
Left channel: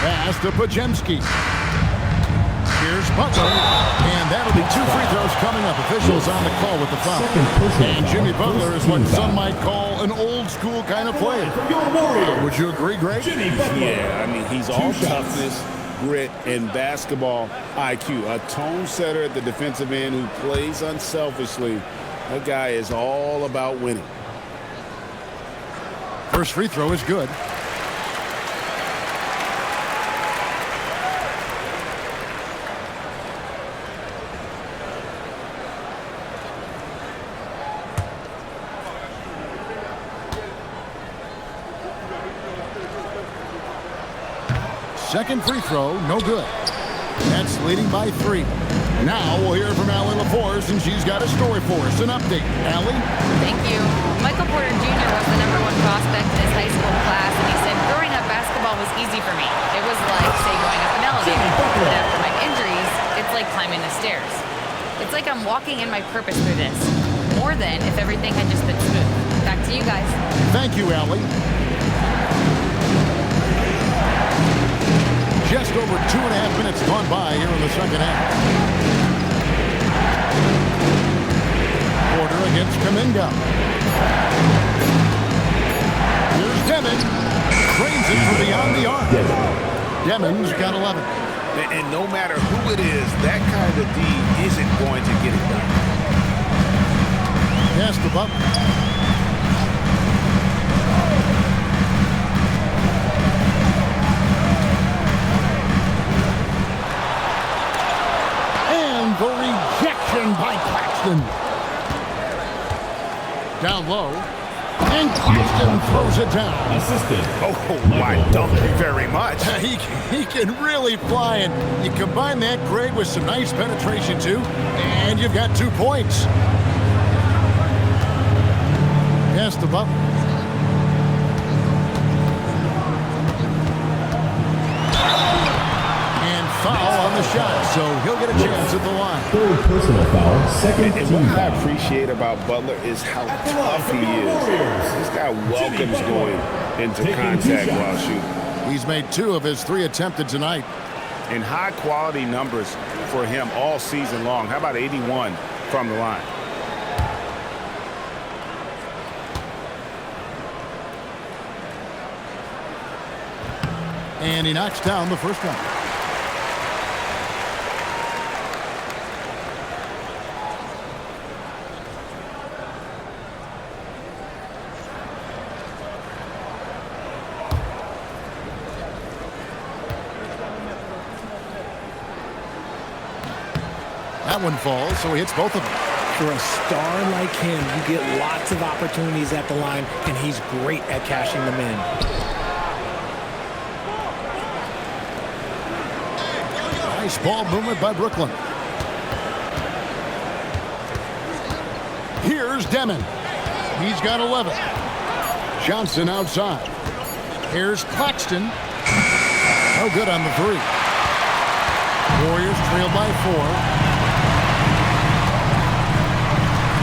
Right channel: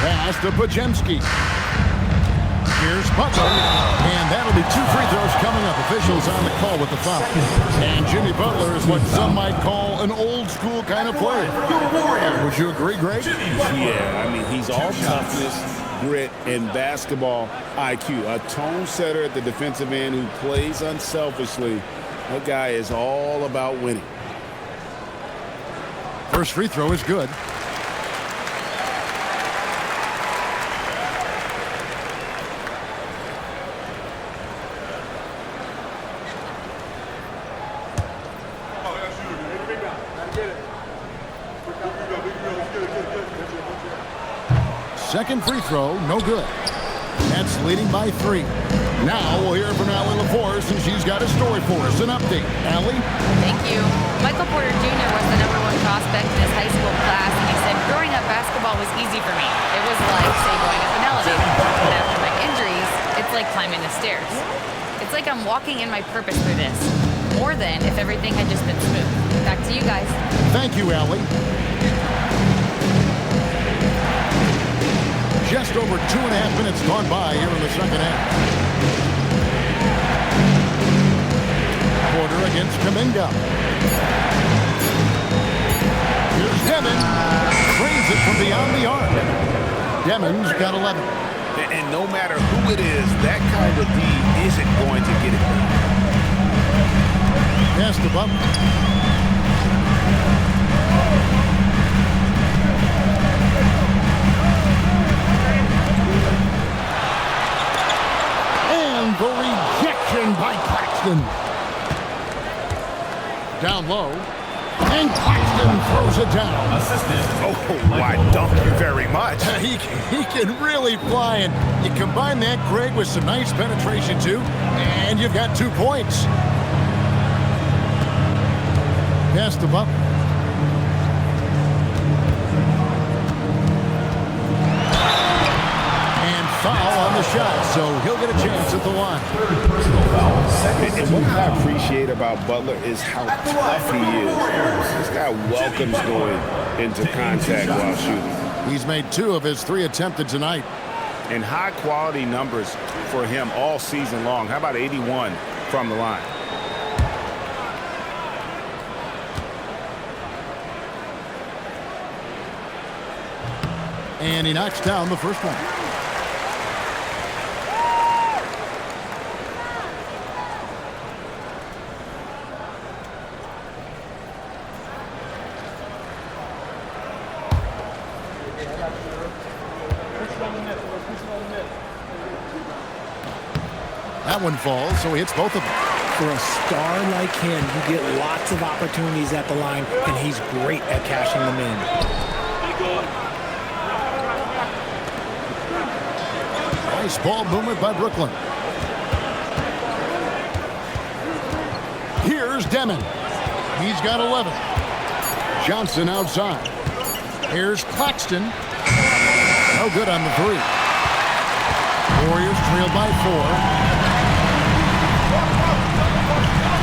Pass to Pajemski. Here's Butler, and that'll be 2 free throws coming up. Officials on the call with the foul. And Jimmy Butler is what some might call an old-school kind of player. Would you agree, Greg? Yeah, I mean, he's all toughness, grit, and basketball IQ. A tone setter at the defensive end who plays unselfishly. That guy is all about winning. First free throw is good. Second free throw, no good. That's leading by 3. Now we'll hear from Allie LaForce, and she's got a story for us. An update. Allie? Thank you. Michael Porter Jr. was the #1 prospect in his high school class, and he said, growing up, basketball was easy for me. It was like, say, going up an elevator. But after my injuries, it's like climbing the stairs. It's like I'm walking in my purpose through this, more than if everything had just been smooth. Back to you guys. Thank you, Allie. Just over 2.5 minutes gone by here in the second half. Porter against Kuminga. Here's Demon. Trains it from beyond the arc. Demon's got 11. And no matter who it is, that kind of D isn't going to get it done. Pass the Butler. And the rejection by Claxton. Down low. And Claxton throws it down. Assistant. Oh, why, thank you very much. He can really fly, and you combine that, Greg, with some nice penetration, too, and you've got 2 points. Pass the Butler. And foul on the shot, so he'll get a chance at the line. Third personal foul. Second And what I appreciate about Butler is how tough he is. This guy welcomes going into contact while shooting. He's made 2 of his 3 attempted tonight. And high-quality numbers for him all season long. How about 81 from the line? And he knocks down the first one. That one falls, so he hits both of them. For a star like him, you get lots of opportunities at the line, and he's great at cashing them in. Nice ball movement by Brooklyn. Here's Demon. He's got 11. Johnson outside. Here's Claxton. No good on the 3. Warriors trailed by 4.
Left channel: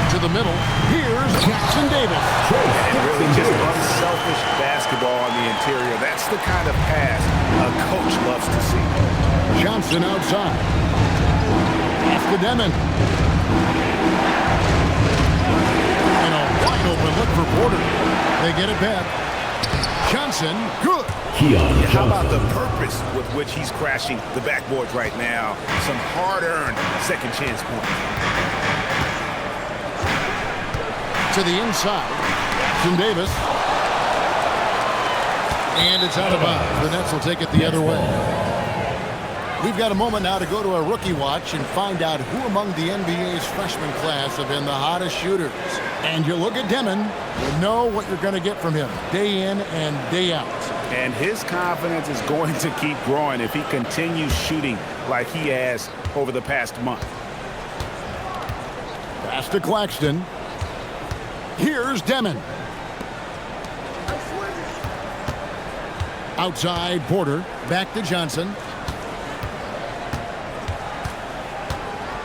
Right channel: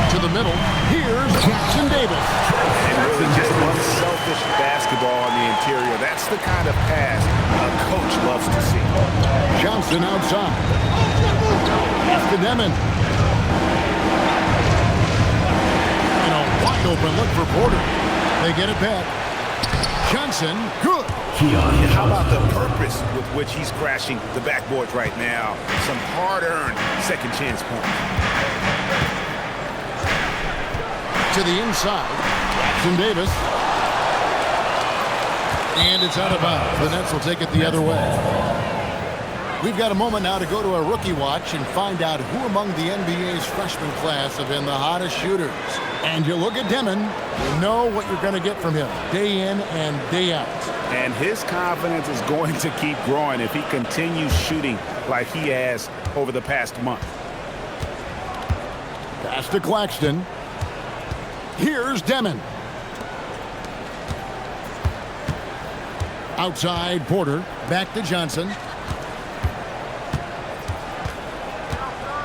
To the middle. Here's Jackson Davis. And really just unselfish basketball on the interior. That's the kind of pass a coach loves to see. Johnson outside. Pass to Demon. And a wide open look for Porter. They get it back. Johnson, good. Yeah, how about the purpose with which he's crashing the backboards right now? Some hard-earned second chance points. To the inside. Jackson Davis. And it's out of bounds. The Nets will take it the other way. We've got a moment now to go to a rookie watch and find out who among the NBA's freshman class have been the hottest shooters. And you look at Demon, you know what you're going to get from him day in and day out. And his confidence is going to keep growing if he continues shooting like he has over the past month. Pass to Claxton. Here's Demon. Outside Porter. Back to Johnson.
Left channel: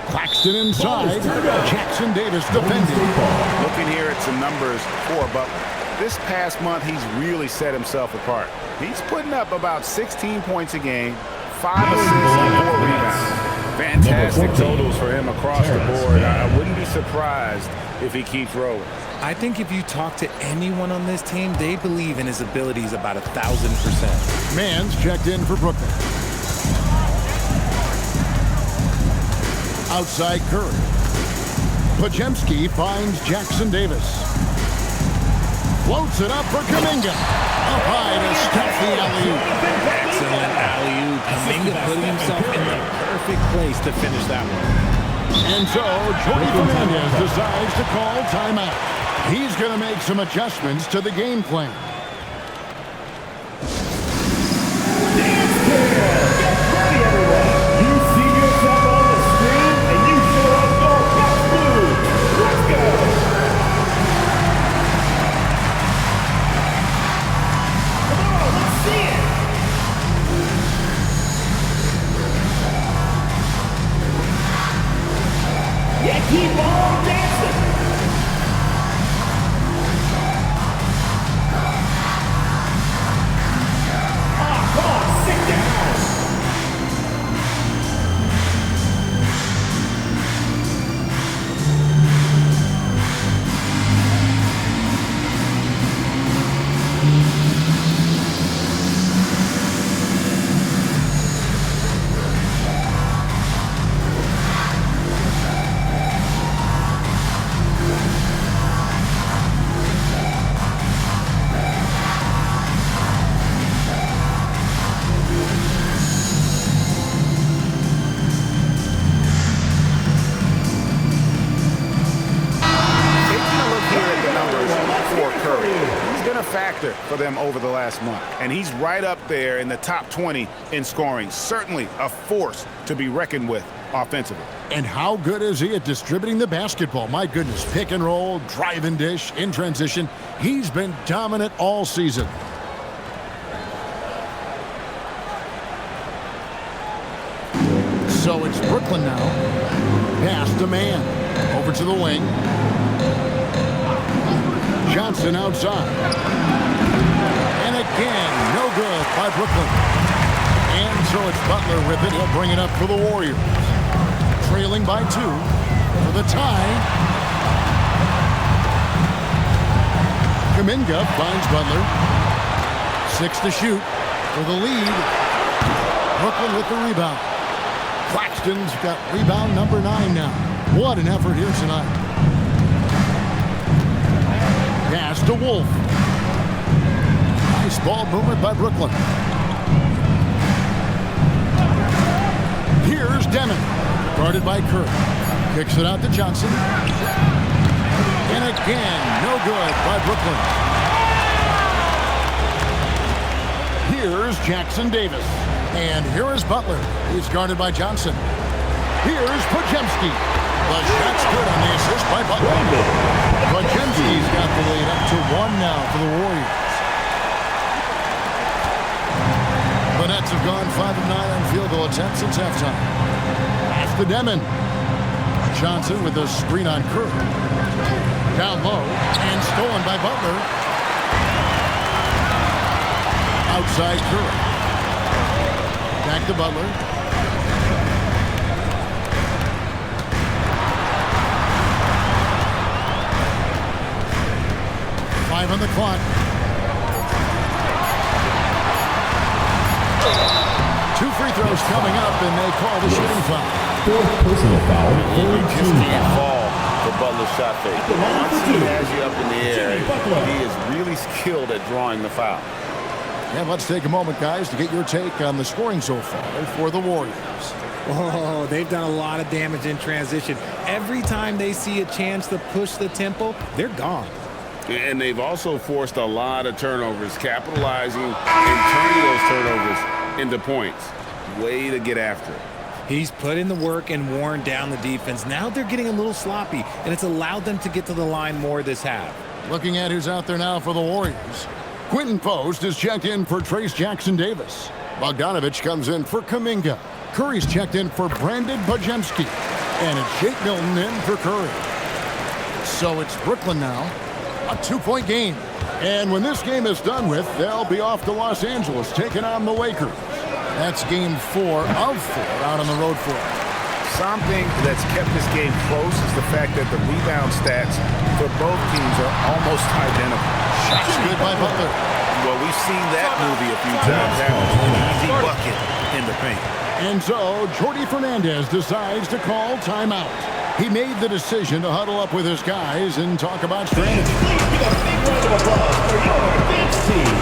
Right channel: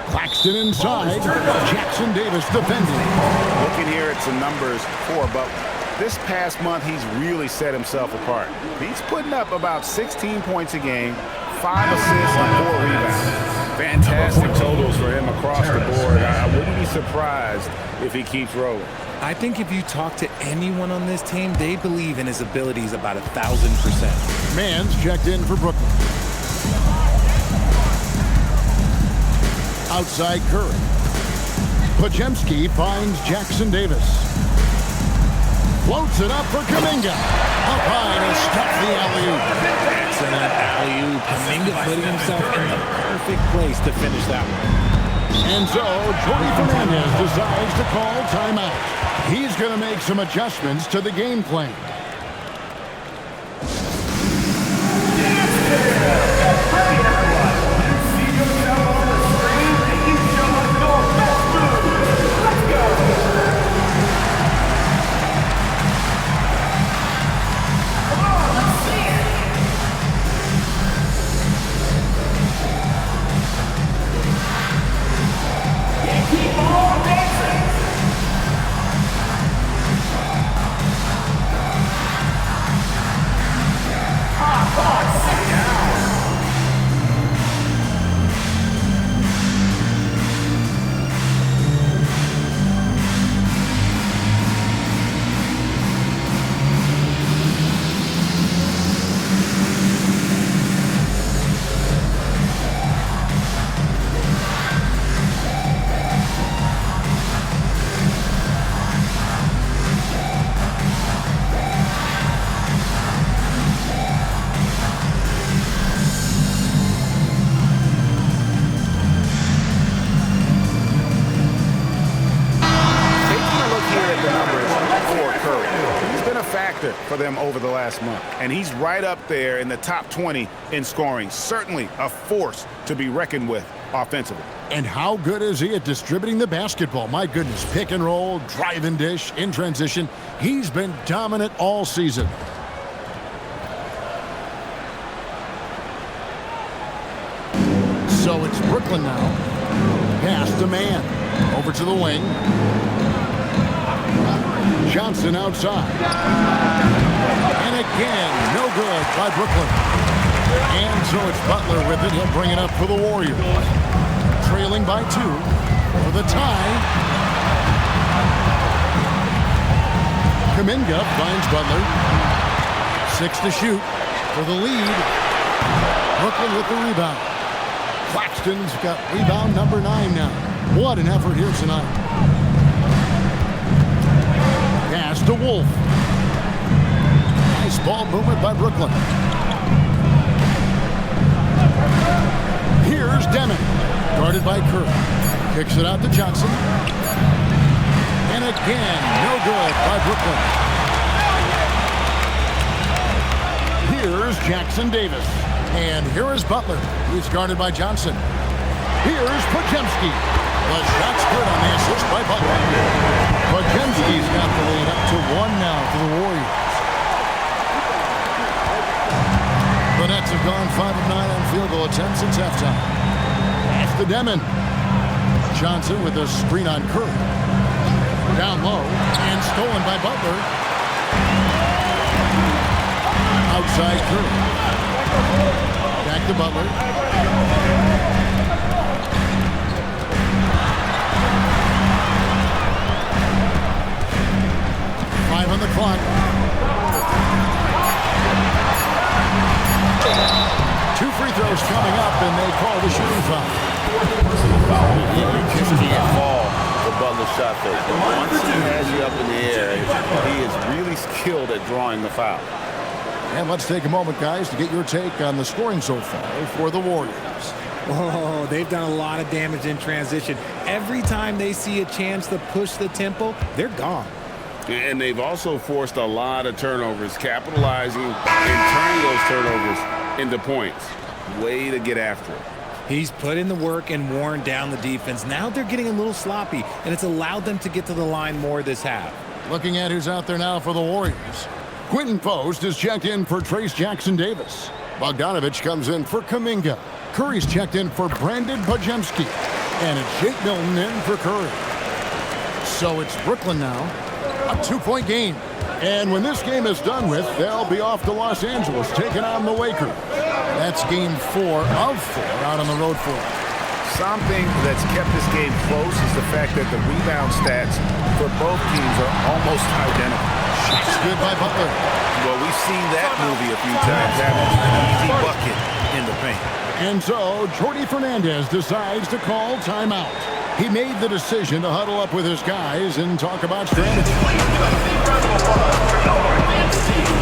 Claxton inside. Jackson Davis defending. Looking here at some numbers for Butler. This past month, he's really set himself apart. He's putting up about 16 points a game, 5 assists, and 4 rebounds. Fantastic totals for him across the board. I wouldn't be surprised if he keeps rolling. I think if you talk to anyone on this team, they believe in his abilities about 1,000%. Mann's checked in for Brooklyn. Outside Curry. Podziemski finds Jackson Davis. Floats it up for Kuminga. Up high to stuff the alley-oop. Excellent alley-oop. Kuminga putting himself in the perfect place to finish that one. And so Jordi Fernandez decides to call timeout. He's going to make some adjustments to the game plan. Keep on dancing. Come on, sit down. Factor for them over the last month, and he's right up there in the top 20 in scoring. Certainly a force to be reckoned with offensively. And how good is he at distributing the basketball? My goodness, pick and roll, drive and dish, in transition. He's been dominant all season. So it's Brooklyn now. Pass to Mann. Over to the wing. Johnson outside. And again, no good by Brooklyn. And so it's Butler with it. He'll bring it up for the Warriors. Trailing by 2 for the tie. Kuminga finds Butler. 6 to shoot for the lead. Brooklyn with the rebound. Claxton's got rebound number 9 now. What an effort here tonight. Pass to Wolf. Nice ball movement by Brooklyn. Here's Demon. Guarded by Curry. Kicks it out to Johnson. And again, no good by Brooklyn. Here's Jackson Davis. And here is Butler. He's guarded by Johnson. Here's Podziemski. The shot's good on the assist by Butler. Podziemski's got the lead up to 1 now for the Warriors. The Nets have gone 5 of 9 on field goal attempts since halftime. Pass to Demon. Johnson with a screen on Curry. Down low and stolen by Butler. Outside Curry. Back to Butler. Five on the clock. 2 free throws coming up, and they call the shooting foul. 4th personal foul. You just can't fall for Butler's shot fake. But once he has you up in the air, he is really skilled at drawing the foul. And let's take a moment, guys, to get your take on the scoring so far for the Warriors. Oh, they've done a lot of damage in transition. Every time they see a chance to push the tempo, they're gone. And they've also forced a lot of turnovers, capitalizing and turning those turnovers into points. Way to get after it. He's put in the work and worn down the defense. Now they're getting a little sloppy, and it's allowed them to get to the line more this half. Looking at who's out there now for the Warriors. Quentin Post is checked in for Trace Jackson Davis. Bogdanovich comes in for Kuminga. Curry's checked in for Brandon Podziemski. And it's Shake Milton in for Curry. So it's Brooklyn now. A 2-point game. And when this game is done with, they'll be off to Los Angeles taking on the Lakers. That's game 4 of 4 out on the road for them. something that's kept this game close is the fact that the rebound stats for both teams are almost identical. Shots good by Butler. Well, we've seen that movie a few times, haven't we? An easy bucket in the paint. And so, Jordi Fernandez decides to call timeout. He made the decision to huddle up with his guys and talk about strategy. Please give a big round of applause for your dance team.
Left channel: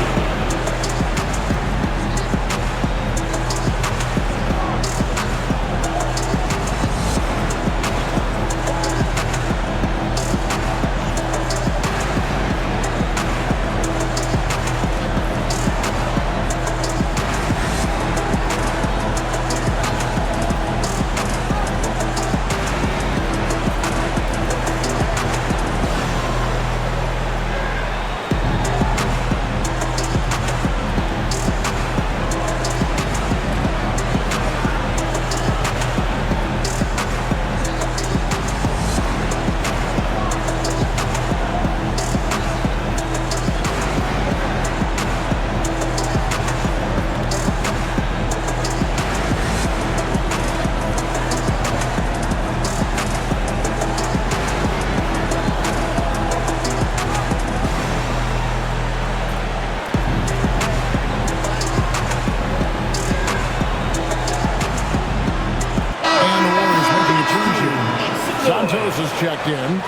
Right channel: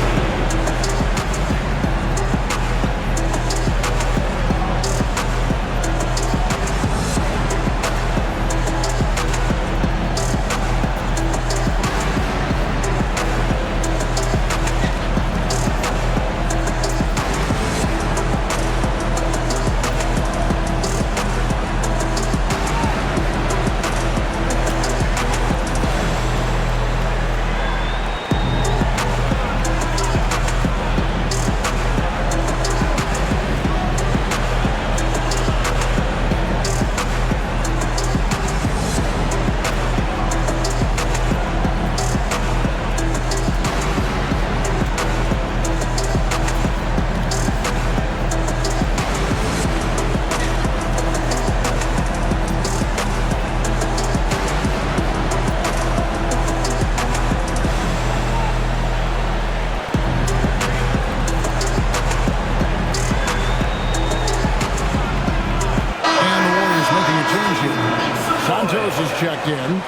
Santos is checked in.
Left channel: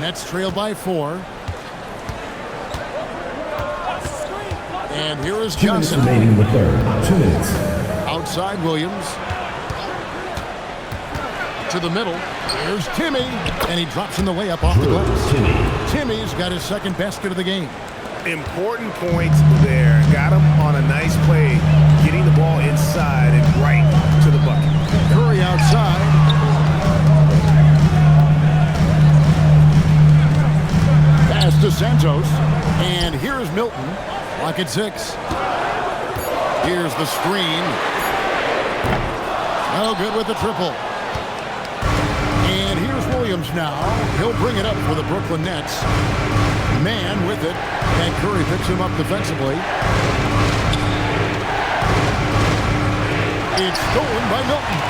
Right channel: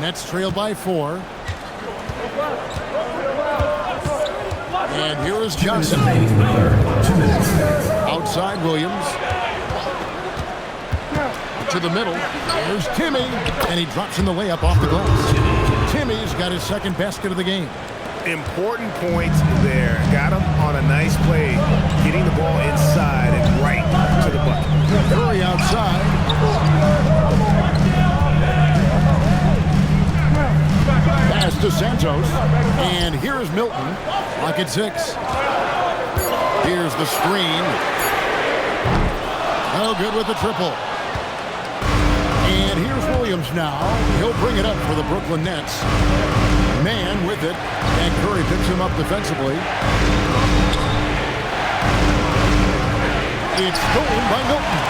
Nets trail by 4. And here is Johnson. Remaining in the third. 2 minutes. Outside Williams. To the middle. Here's Timmy. And he drops in the layup off the glass. Timmy's got his second basket of the game. Important points there. Got him on a nice play, getting the ball inside and right to the bucket. Curry outside. Pass to Santos. And here's Milton. Clock at 6. Here's the screen. No good with the triple. And here's Williams now. He'll bring it up for the Brooklyn Nets. Man with it. And Curry picks him up defensively. It's stolen by Milton.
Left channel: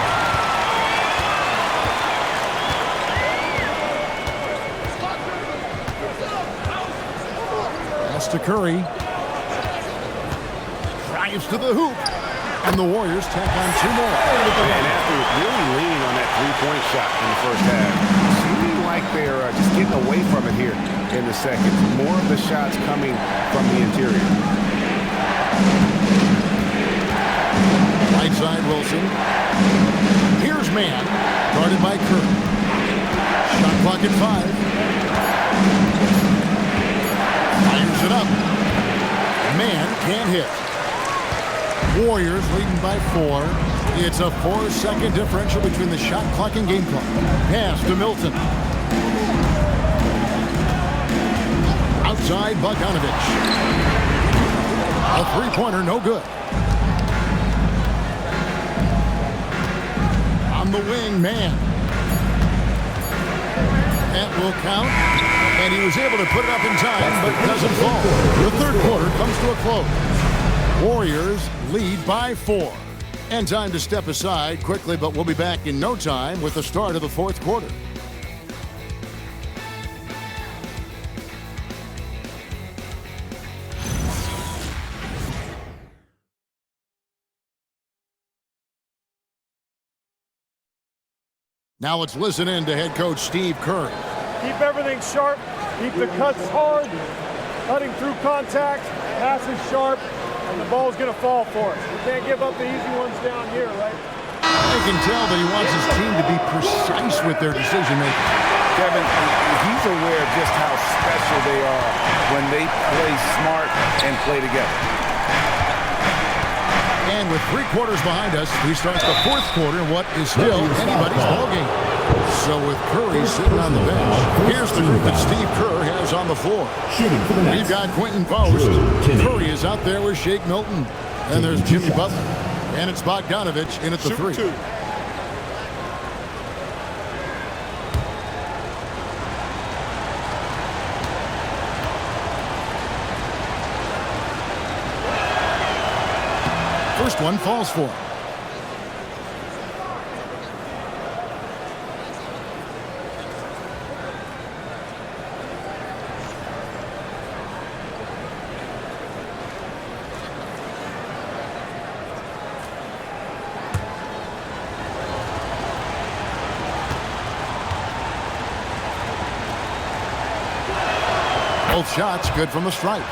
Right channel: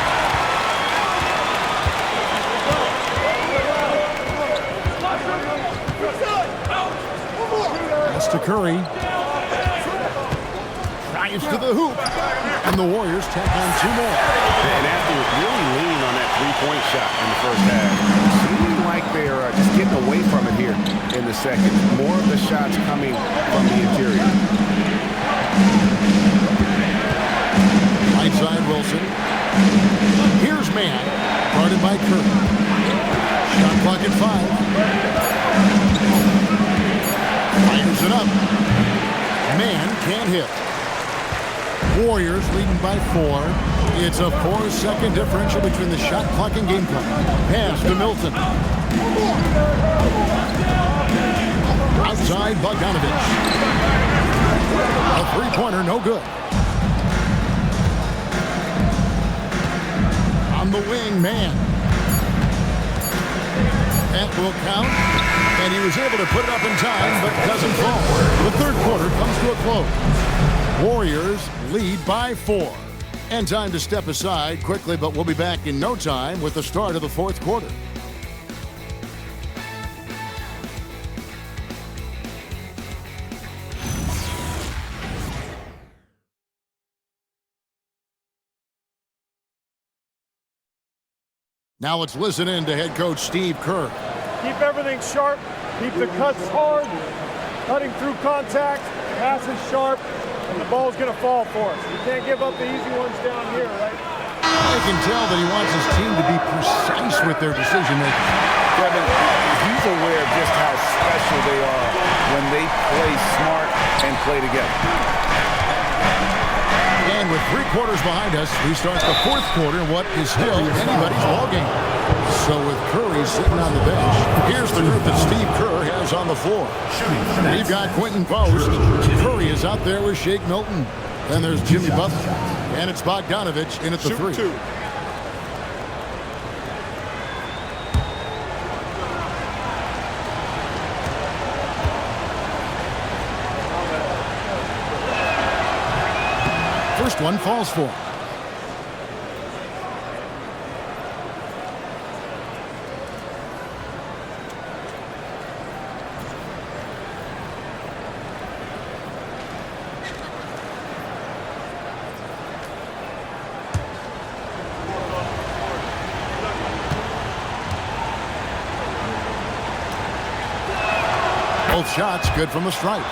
Pass to Curry. Drives to the hoop. And the Warriors tack on 2 more. And after really leaning on that three-point shot in the first half, seeming like they're just getting away from it here in the second. More of the shots coming from the interior. Right side Wilson. Here's Man, guarded by Curry. Shot clock at 5. Fires it up. Man can't hit. Warriors leading by 4. It's a 4-second differential between the shot clock and game clock. Pass to Milton. Outside Bogdanovich. A three-pointer, no good. On the wing, Man. That will count. And he was able to put it up in time, but doesn't fall. The third quarter comes to a close. Warriors lead by 4. And time to step aside quickly, but we'll be back in no time with the start of the fourth quarter. Now let's listen in to head coach Steve Kerr. Keep everything sharp. Keep the cuts hard. Cutting through contact. Passes sharp. And the ball's going to fall for us. We can't give up the easy ones down here, right? I can tell that he wants his team to be precise with their decision-making. Kevin, he's aware of just how special they are when they play smart and play together. And with 3 quarters behind us, we start the fourth quarter in what is still anybody's ballgame. So with Curry sitting on the bench, here's the group that Steve Kerr has on the floor. We've got Quentin Post. Curry is out there with Shake Milton. Then there's Jimmy Butler. And it's Bogdanovich in at the 3. First one falls for him. Both shots good from the stripe.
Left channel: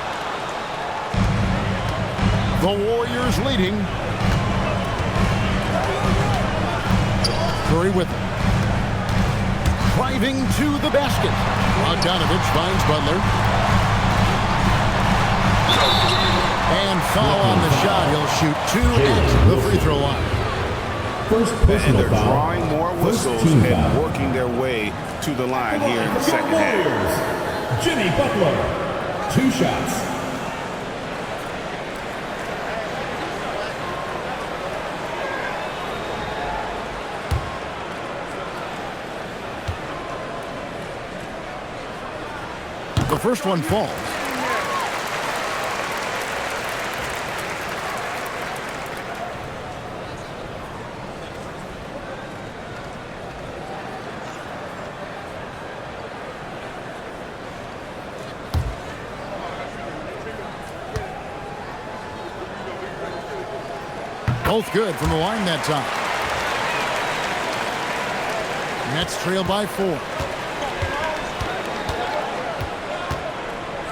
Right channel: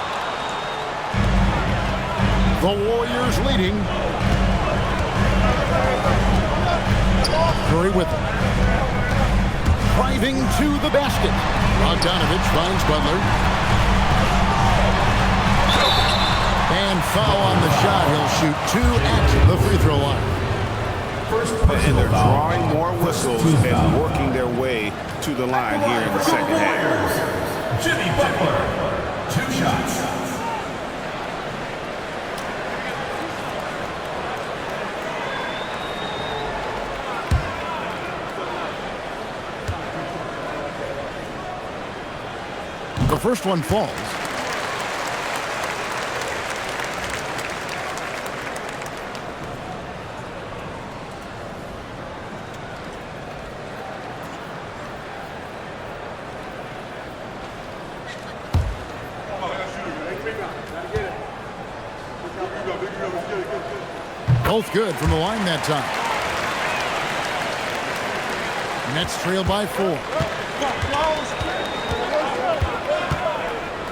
The Warriors leading. Curry with it. Driving to the basket. Bogdanovich finds Butler. And foul on the shot. He'll shoot 2 at the free throw line. And they're drawing more whistles and working their way to the line here in the second half. Jimmy Butler, 2 shots. The first one falls. Both good from the line that time. Nets trail by 4.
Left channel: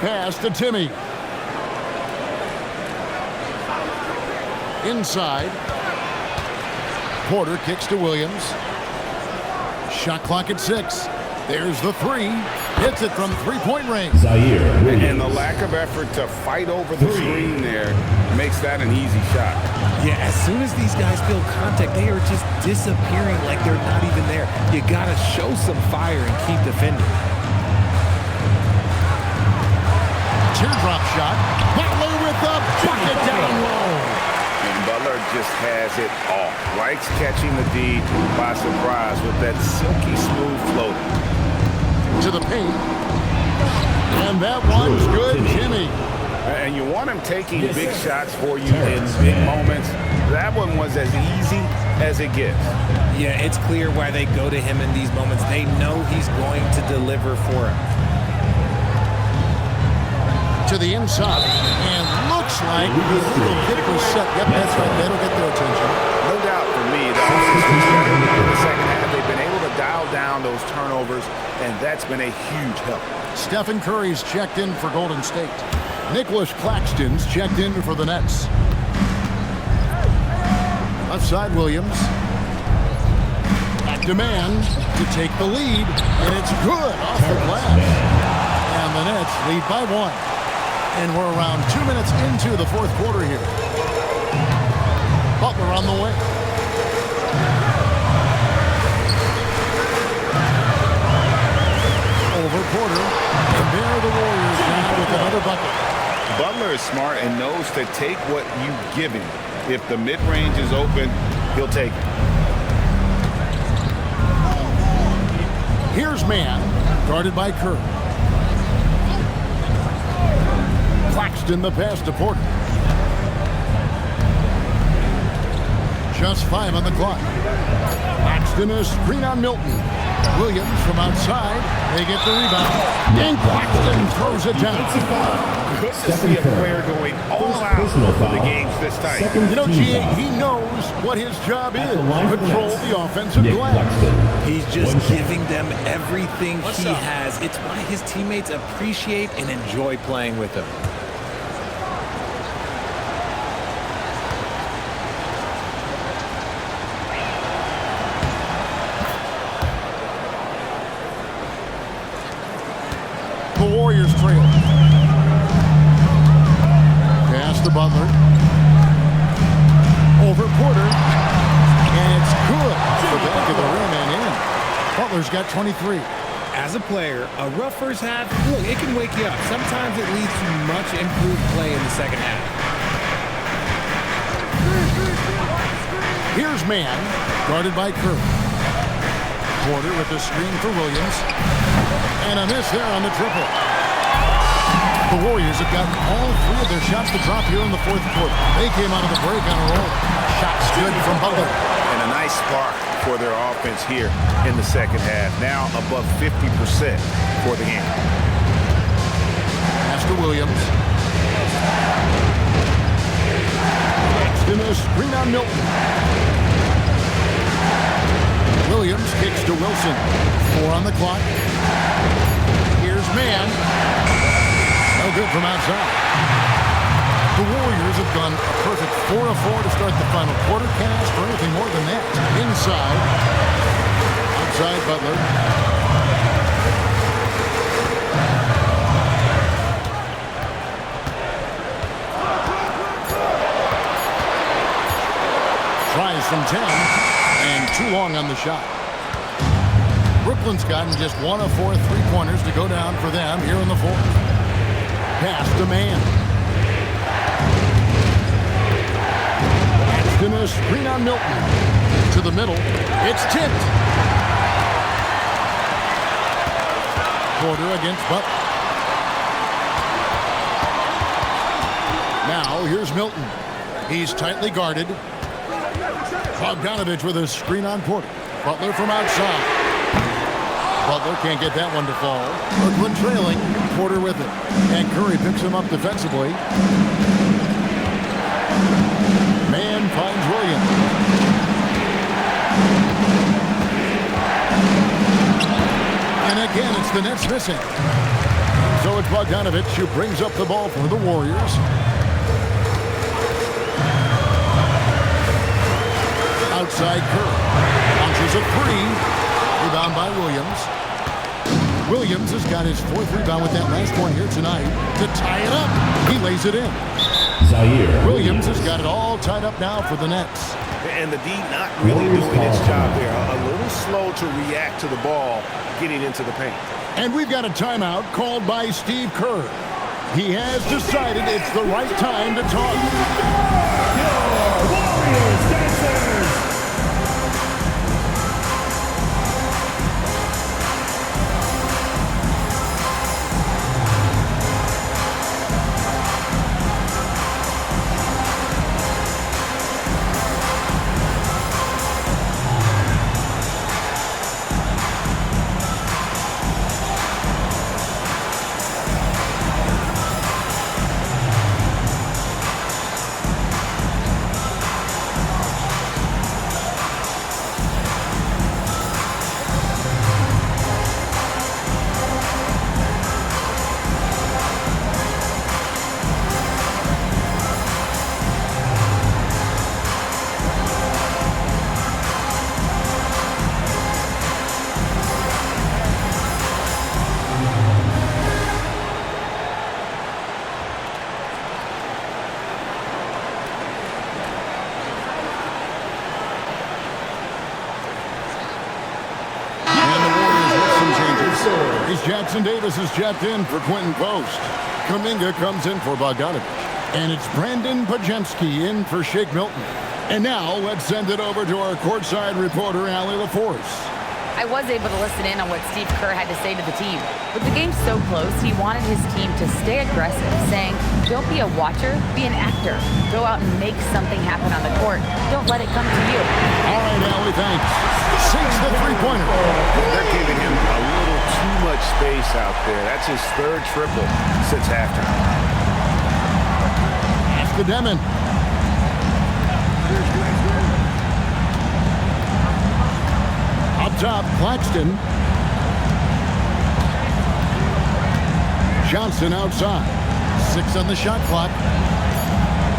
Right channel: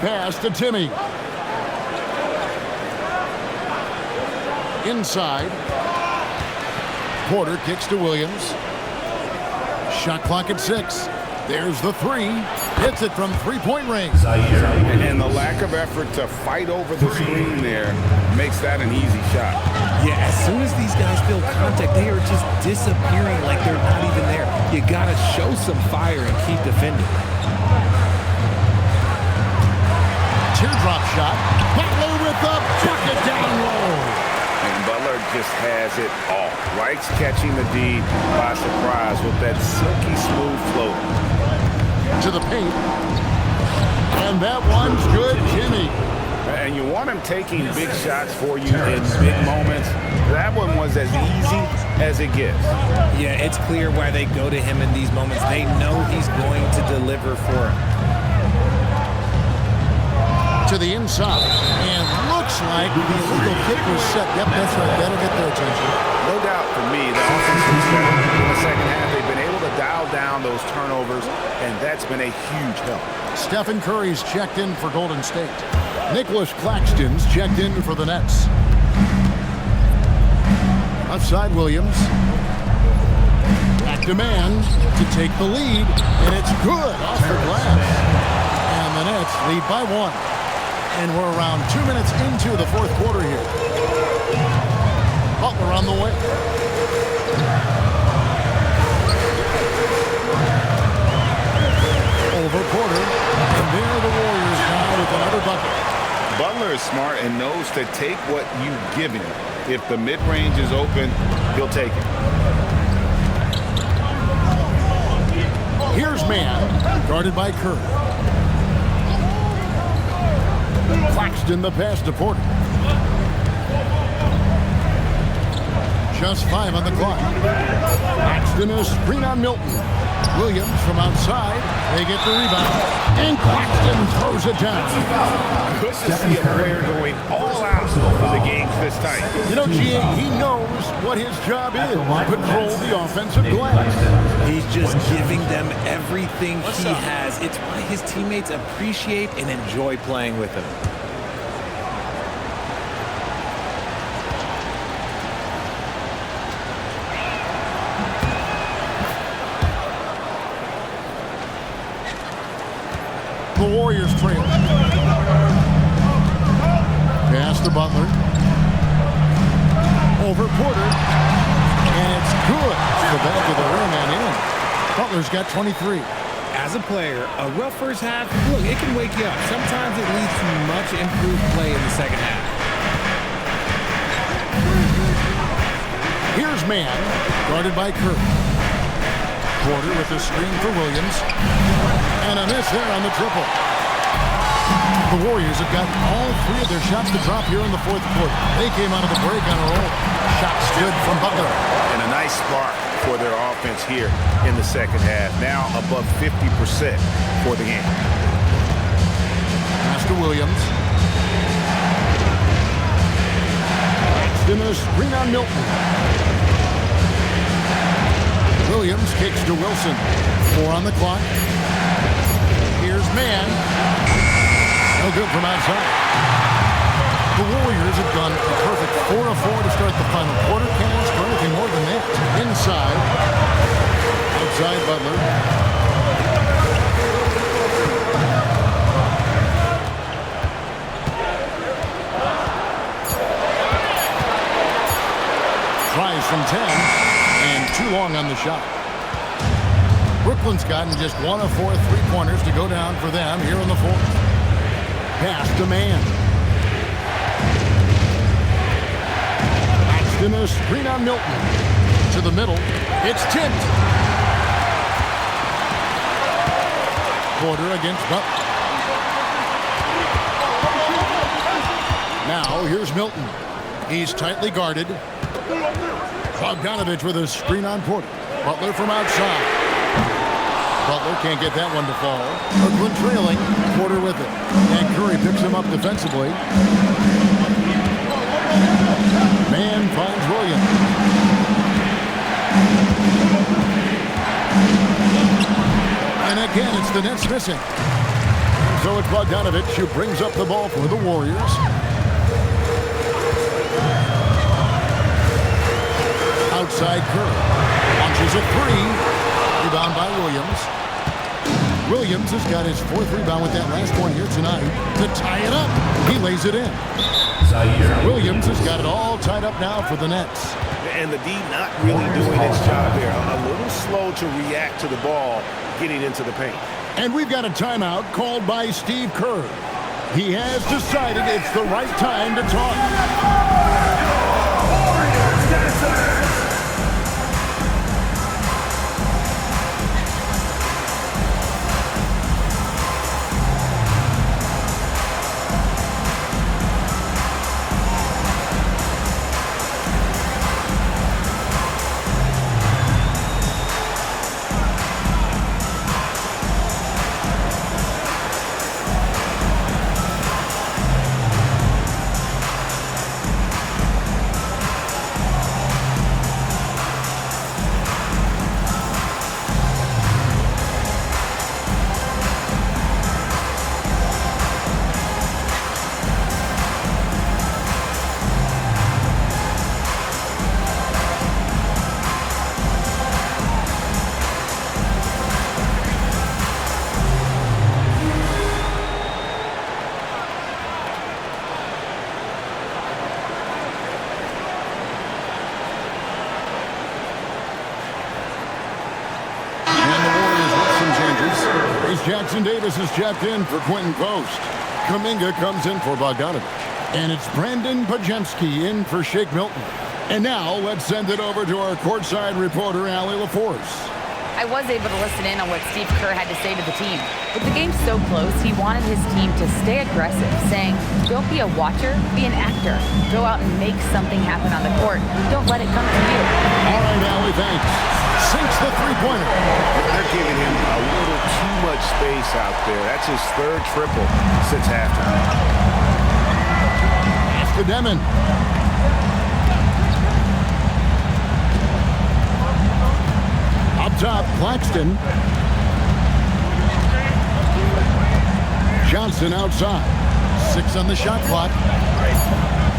Pass to Timmy. Inside. Porter kicks to Williams. Shot clock at 6. There's the 3. Hits it from three-point range. And the lack of effort to fight over the screen there makes that an easy shot. Yeah, as soon as these guys feel contact, they are just disappearing like they're not even there. You got to show some fire and keep defending. Teardrop shot. Butler with the bucket down low. And Butler just has it all. Likes catching the D by surprise with that silky smooth floater. To the paint. And that one's good, Jimmy. And you want him taking big shots for you in big moments. That one was as easy as it gets. Yeah, it's clear why they go to him in these moments. They know he's going to deliver for him. To the inside. And looks like the illegal kick was set. Yep, that's right. That'll get their attention. No doubt for me, the offense looks better in the second half. They've been able to dial down those turnovers, and that's been a huge help. Stephen Curry's checked in for Golden State. Nicholas Claxton's checked in for the Nets. Left side, Williams. At demand to take the lead, and it's good off the glass. And the Nets lead by 1. And we're around 2 minutes into the fourth quarter here. Butler on the way. Over Porter. And there are the Warriors now with another bucket. Butler is smart and knows to take what you give him. If the mid-range is open, he'll take it. Here's man, guarded by Curry. Claxton the pass to Porter. Just 5 on the clock. Claxton a screen on Milton. Williams from outside. They get the rebound. And Claxton throws it down. Good to see a player going all out for the games this tight. You know, G.A., he knows what his job is. Control the offensive glass. He's just giving them everything he has. It's why his teammates appreciate and enjoy playing with him. The Warriors trail. Pass to Butler. Over Porter. And it's good off the back of the rim and in. Butler's got 23. As a player, a rough first half, look, it can wake you up. Sometimes it leads to much improved play in the second half. Here's man, guarded by Curry. Porter with the screen for Williams. And a miss there on the triple. The Warriors have gotten all 3 of their shots to drop here in the fourth quarter. They came out of the break on a roll. Shots good from Butler. And a nice spark for their offense here in the second half. Now above 50% for the game. Pass to Williams. Paxton a screen on Milton. Williams kicks to Wilson. 4 on the clock. Here's Mann. No good from outside. The Warriors have gone a perfect 4 of 4 to start the final quarter. Can't ask for anything more than that. Inside. Outside Butler. Tries from 10 and too long on the shot. Brooklyn's gotten just 1 of 4 3-pointers to go down for them here in the fourth. Pass to Mann. Paxton a screen on Milton. To the middle. It's tipped. Porter against Butler. Now here's Milton. He's tightly guarded. Bogdanovich with a screen on Porter. Butler from outside. Butler can't get that one to fall. Brooklyn trailing. Porter with it. And Curry picks him up defensively. Mann finds Williams. And again, it's the Nets missing. So it's Bogdanovich who brings up the ball for the Warriors. Outside Curry. Launches a 3. Rebound by Williams. Williams has got his 4th rebound with that last one here tonight to tie it up. He lays it in. Williams has got it all tied up now for the Nets. And the D not really doing its job there. A little slow to react to the ball getting into the paint. And we've got a timeout called by Steve Kerr. He has decided it's the right time to talk. Jackson Davis is checked in for Quentin Post. Kuminga comes in for Bogdanovich. And it's Brandon Pajemski in for Shake Milton. And now let's send it over to our courtside reporter, Allie LaForce. I was able to listen in on what Steve Kerr had to say to the team. With the game so close, he wanted his team to stay aggressive, saying, don't be a watcher, be an actor. Go out and make something happen on the court. Don't let it come to you. All right, Allie, thanks. Sinks the three-pointer. They're giving him a little too much space out there. That's his 3rd triple since halftime. Pass to Demon. Up top, Claxton. Johnson outside. 6 on the shot clock.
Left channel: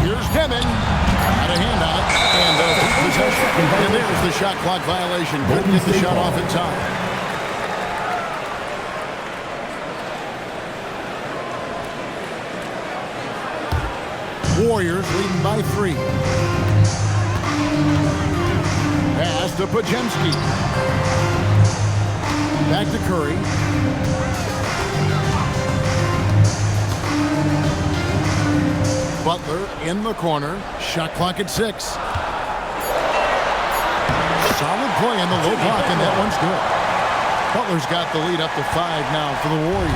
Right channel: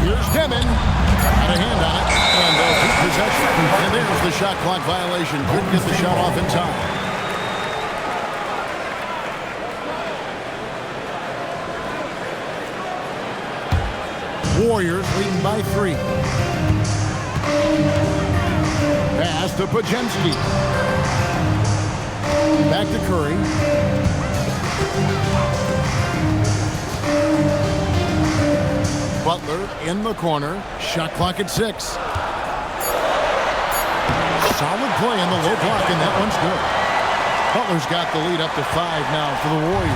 Here's Demon. Had a hand on it. And they'll keep possession. And there's the shot clock violation. Couldn't get the shot off in time. Warriors leading by 3. Pass to Pajemski. Back to Curry. Butler in the corner. Shot clock at 6. Solid play in the low block, and that one's good. Butler's got the lead up to 5 now for the Warriors.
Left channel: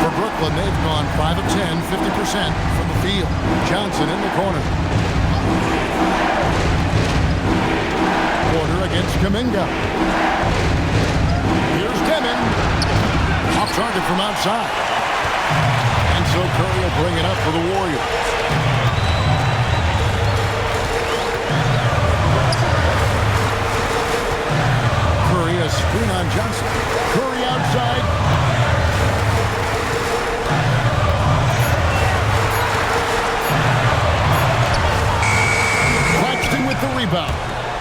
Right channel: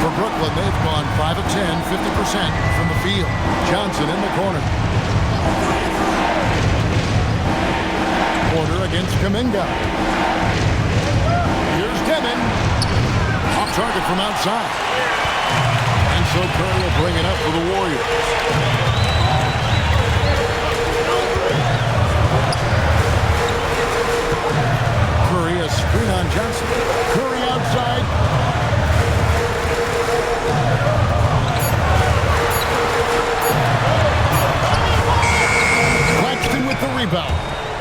For Brooklyn, they've gone 5 of 10, 50% from the field. Johnson in the corner. Porter against Kuminga. Here's Demon. Off target from outside. And so Curry will bring it up for the Warriors. Curry, a screen on Johnson. Curry outside. Claxton with the rebound.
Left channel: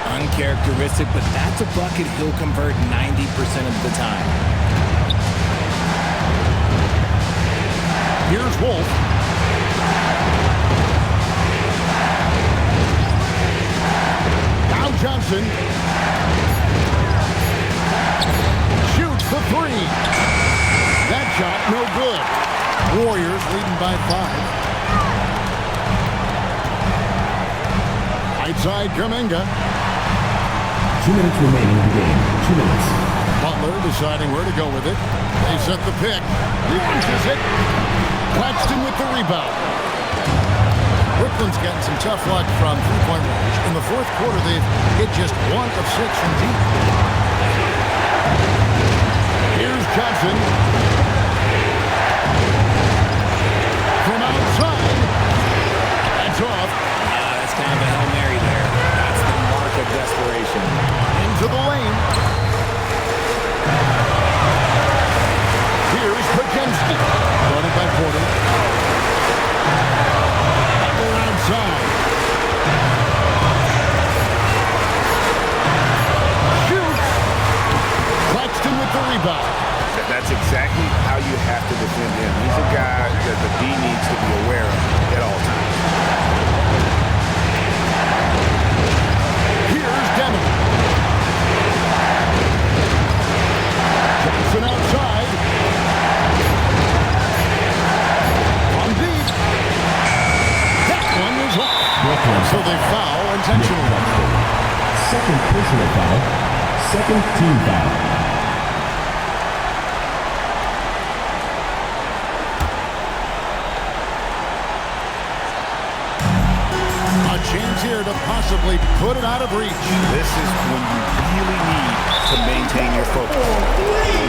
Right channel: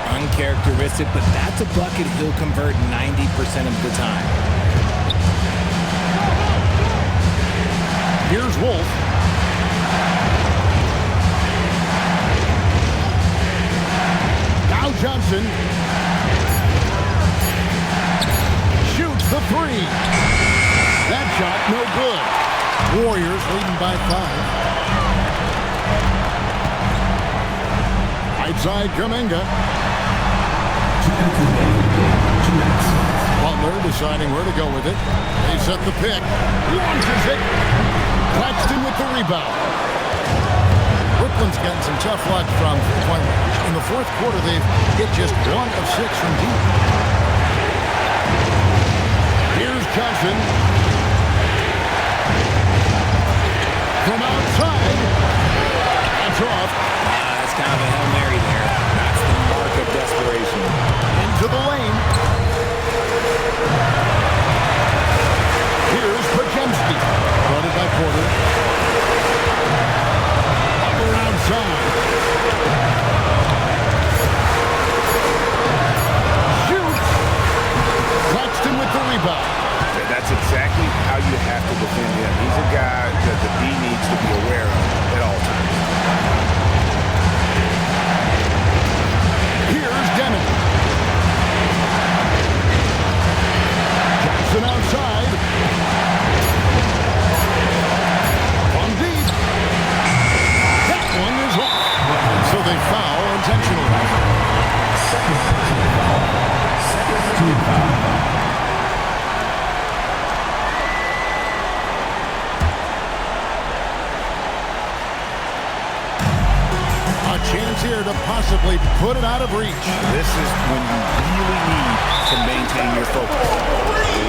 Uncharacteristic, but that's a bucket he'll convert 90% of the time. Here's Wolf. Now Johnson. Shoots the three. That shot no good. Warriors leading by 5. Right side Kuminga. 2 minutes remaining in the game. 2 minutes. Butler deciding where to go with it. They set the pick. Launches it. Claxton with the rebound. Brooklyn's gotten some tough luck from three-point range. In the fourth quarter, they've hit just 1 of 6 from deep. Here's Johnson. From outside. That's off. That's kind of a Hail Mary there. That's the mark of desperation. Into the lane. Here's Pajemski. Guarded by Porter. Butler outside. Shoots. Claxton with the rebound. That's exactly how you have to defend him. He's a guy that the D needs to be aware of at all times. Here's Demon. Johnson outside. From deep. That one is off. And so they foul intentionally. Second personal foul. Second team foul. A chance here to possibly put it out of reach. This is when you really need to maintain your focus.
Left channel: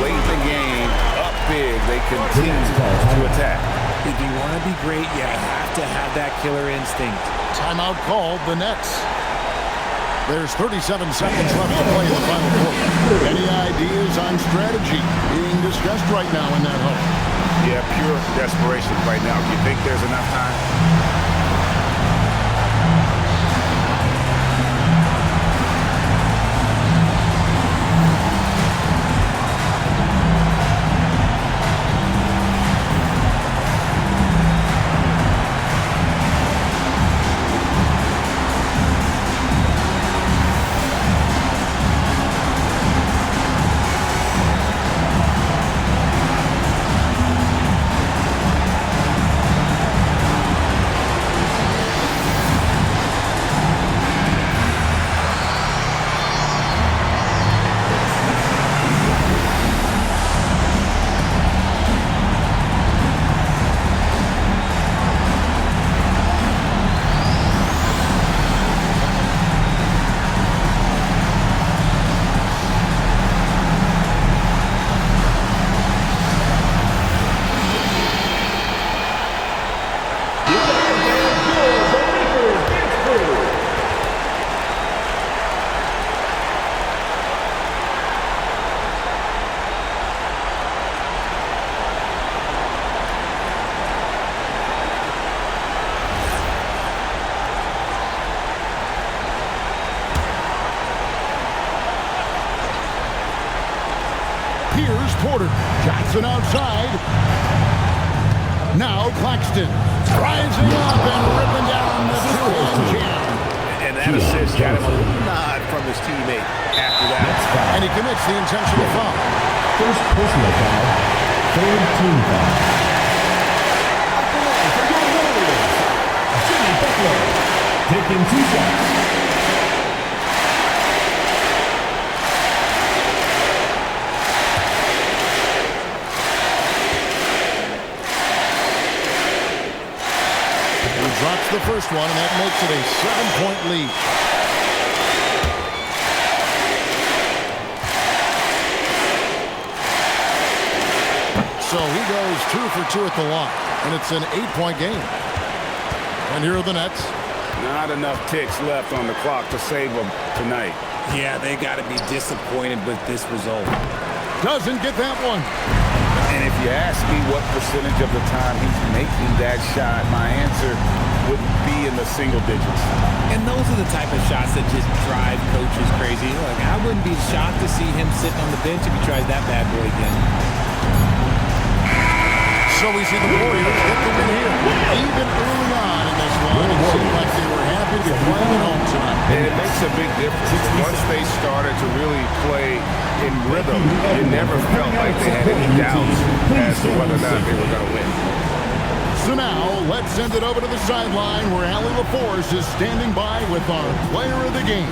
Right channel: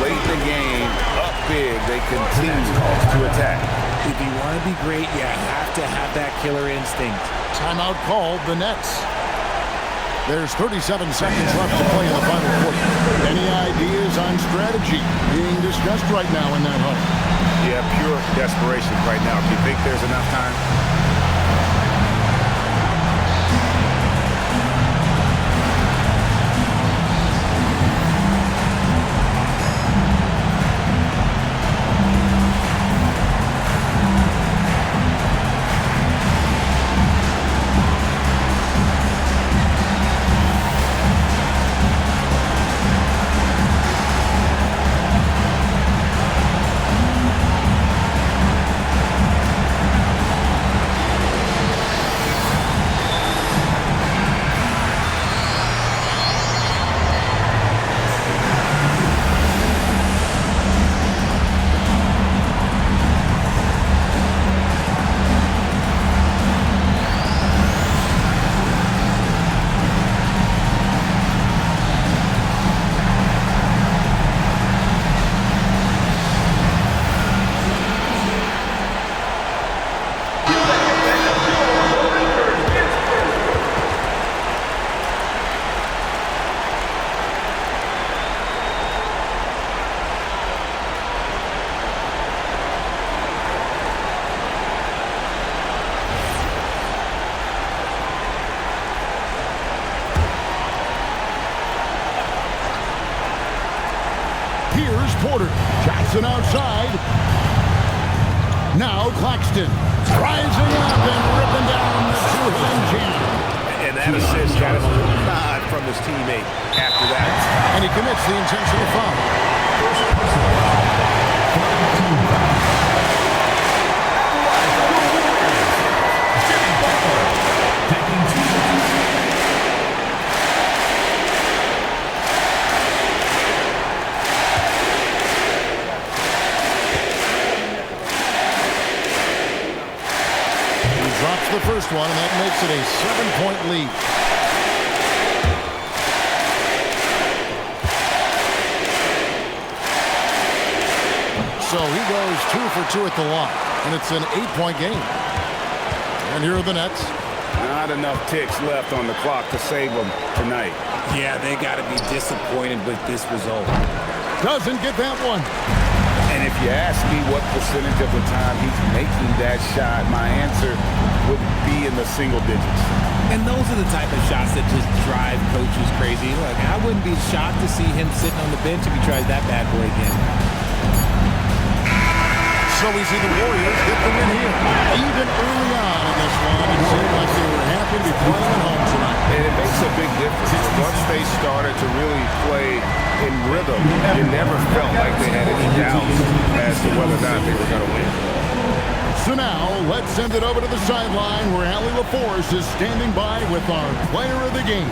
Late in the game, up big, they continue to attack. If you want to be great, you have to have that killer instinct. Timeout called, the Nets. There's 37 seconds left to play in the final quarter. Any ideas on strategy being discussed right now in that huddle? Yeah, pure desperation right now. Do you think there's enough time? Here's Porter. Johnson outside. Now Claxton. Rising up and ripping down the two-hand jam. And that assist got him a little nod from his teammate after that. And he commits the intentional foul. First personal foul. Third team foul. Jimmy Butler taking 2 shots. Drops the first one, and that makes it a 7-point lead. So he goes 2 for 2 at the line, and it's an 8-point game. And here are the Nets. Not enough ticks left on the clock to save them tonight. Yeah, they got to be disappointed with this result. Doesn't get that one. And if you ask me what percentage of the time he's making that shot, my answer would be in the single digits. And those are the type of shots that just drive coaches crazy. Look, I wouldn't be shocked to see him sitting on the bench if he tries that bad boy again. So we see the Warriors get the win here. Even early on in this one, it seemed like they were happy to be playing at home tonight. And it makes a big difference. Once they started to really play in rhythm, you never felt like they had any doubts as to whether or not they were going to win. So now, let's send it over to the sideline where Allie LaForce is standing by with our player of the game.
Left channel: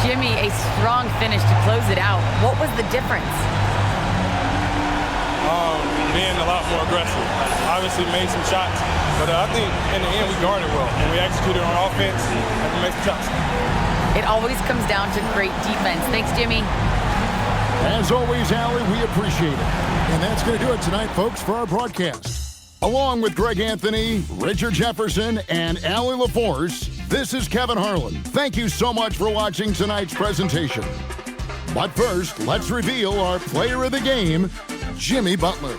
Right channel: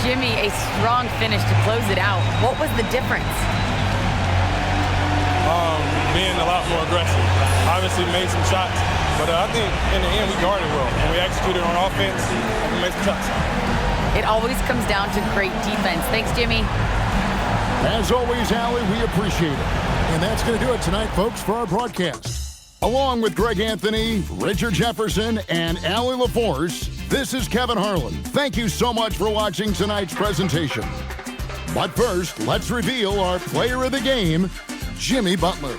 Jimmy, a strong finish to close it out. What was the difference? Being a lot more aggressive. Obviously made some shots, but I think in the end we guarded well and we executed on offense and we made some shots. It always comes down to great defense. Thanks, Jimmy. As always, Allie, we appreciate it. And that's going to do it tonight, folks, for our broadcast. Along with Greg Anthony, Richard Jefferson, and Allie LaForce, this is Kevin Harlan. Thank you so much for watching tonight's presentation. But first, let's reveal our player of the game, Jimmy Butler.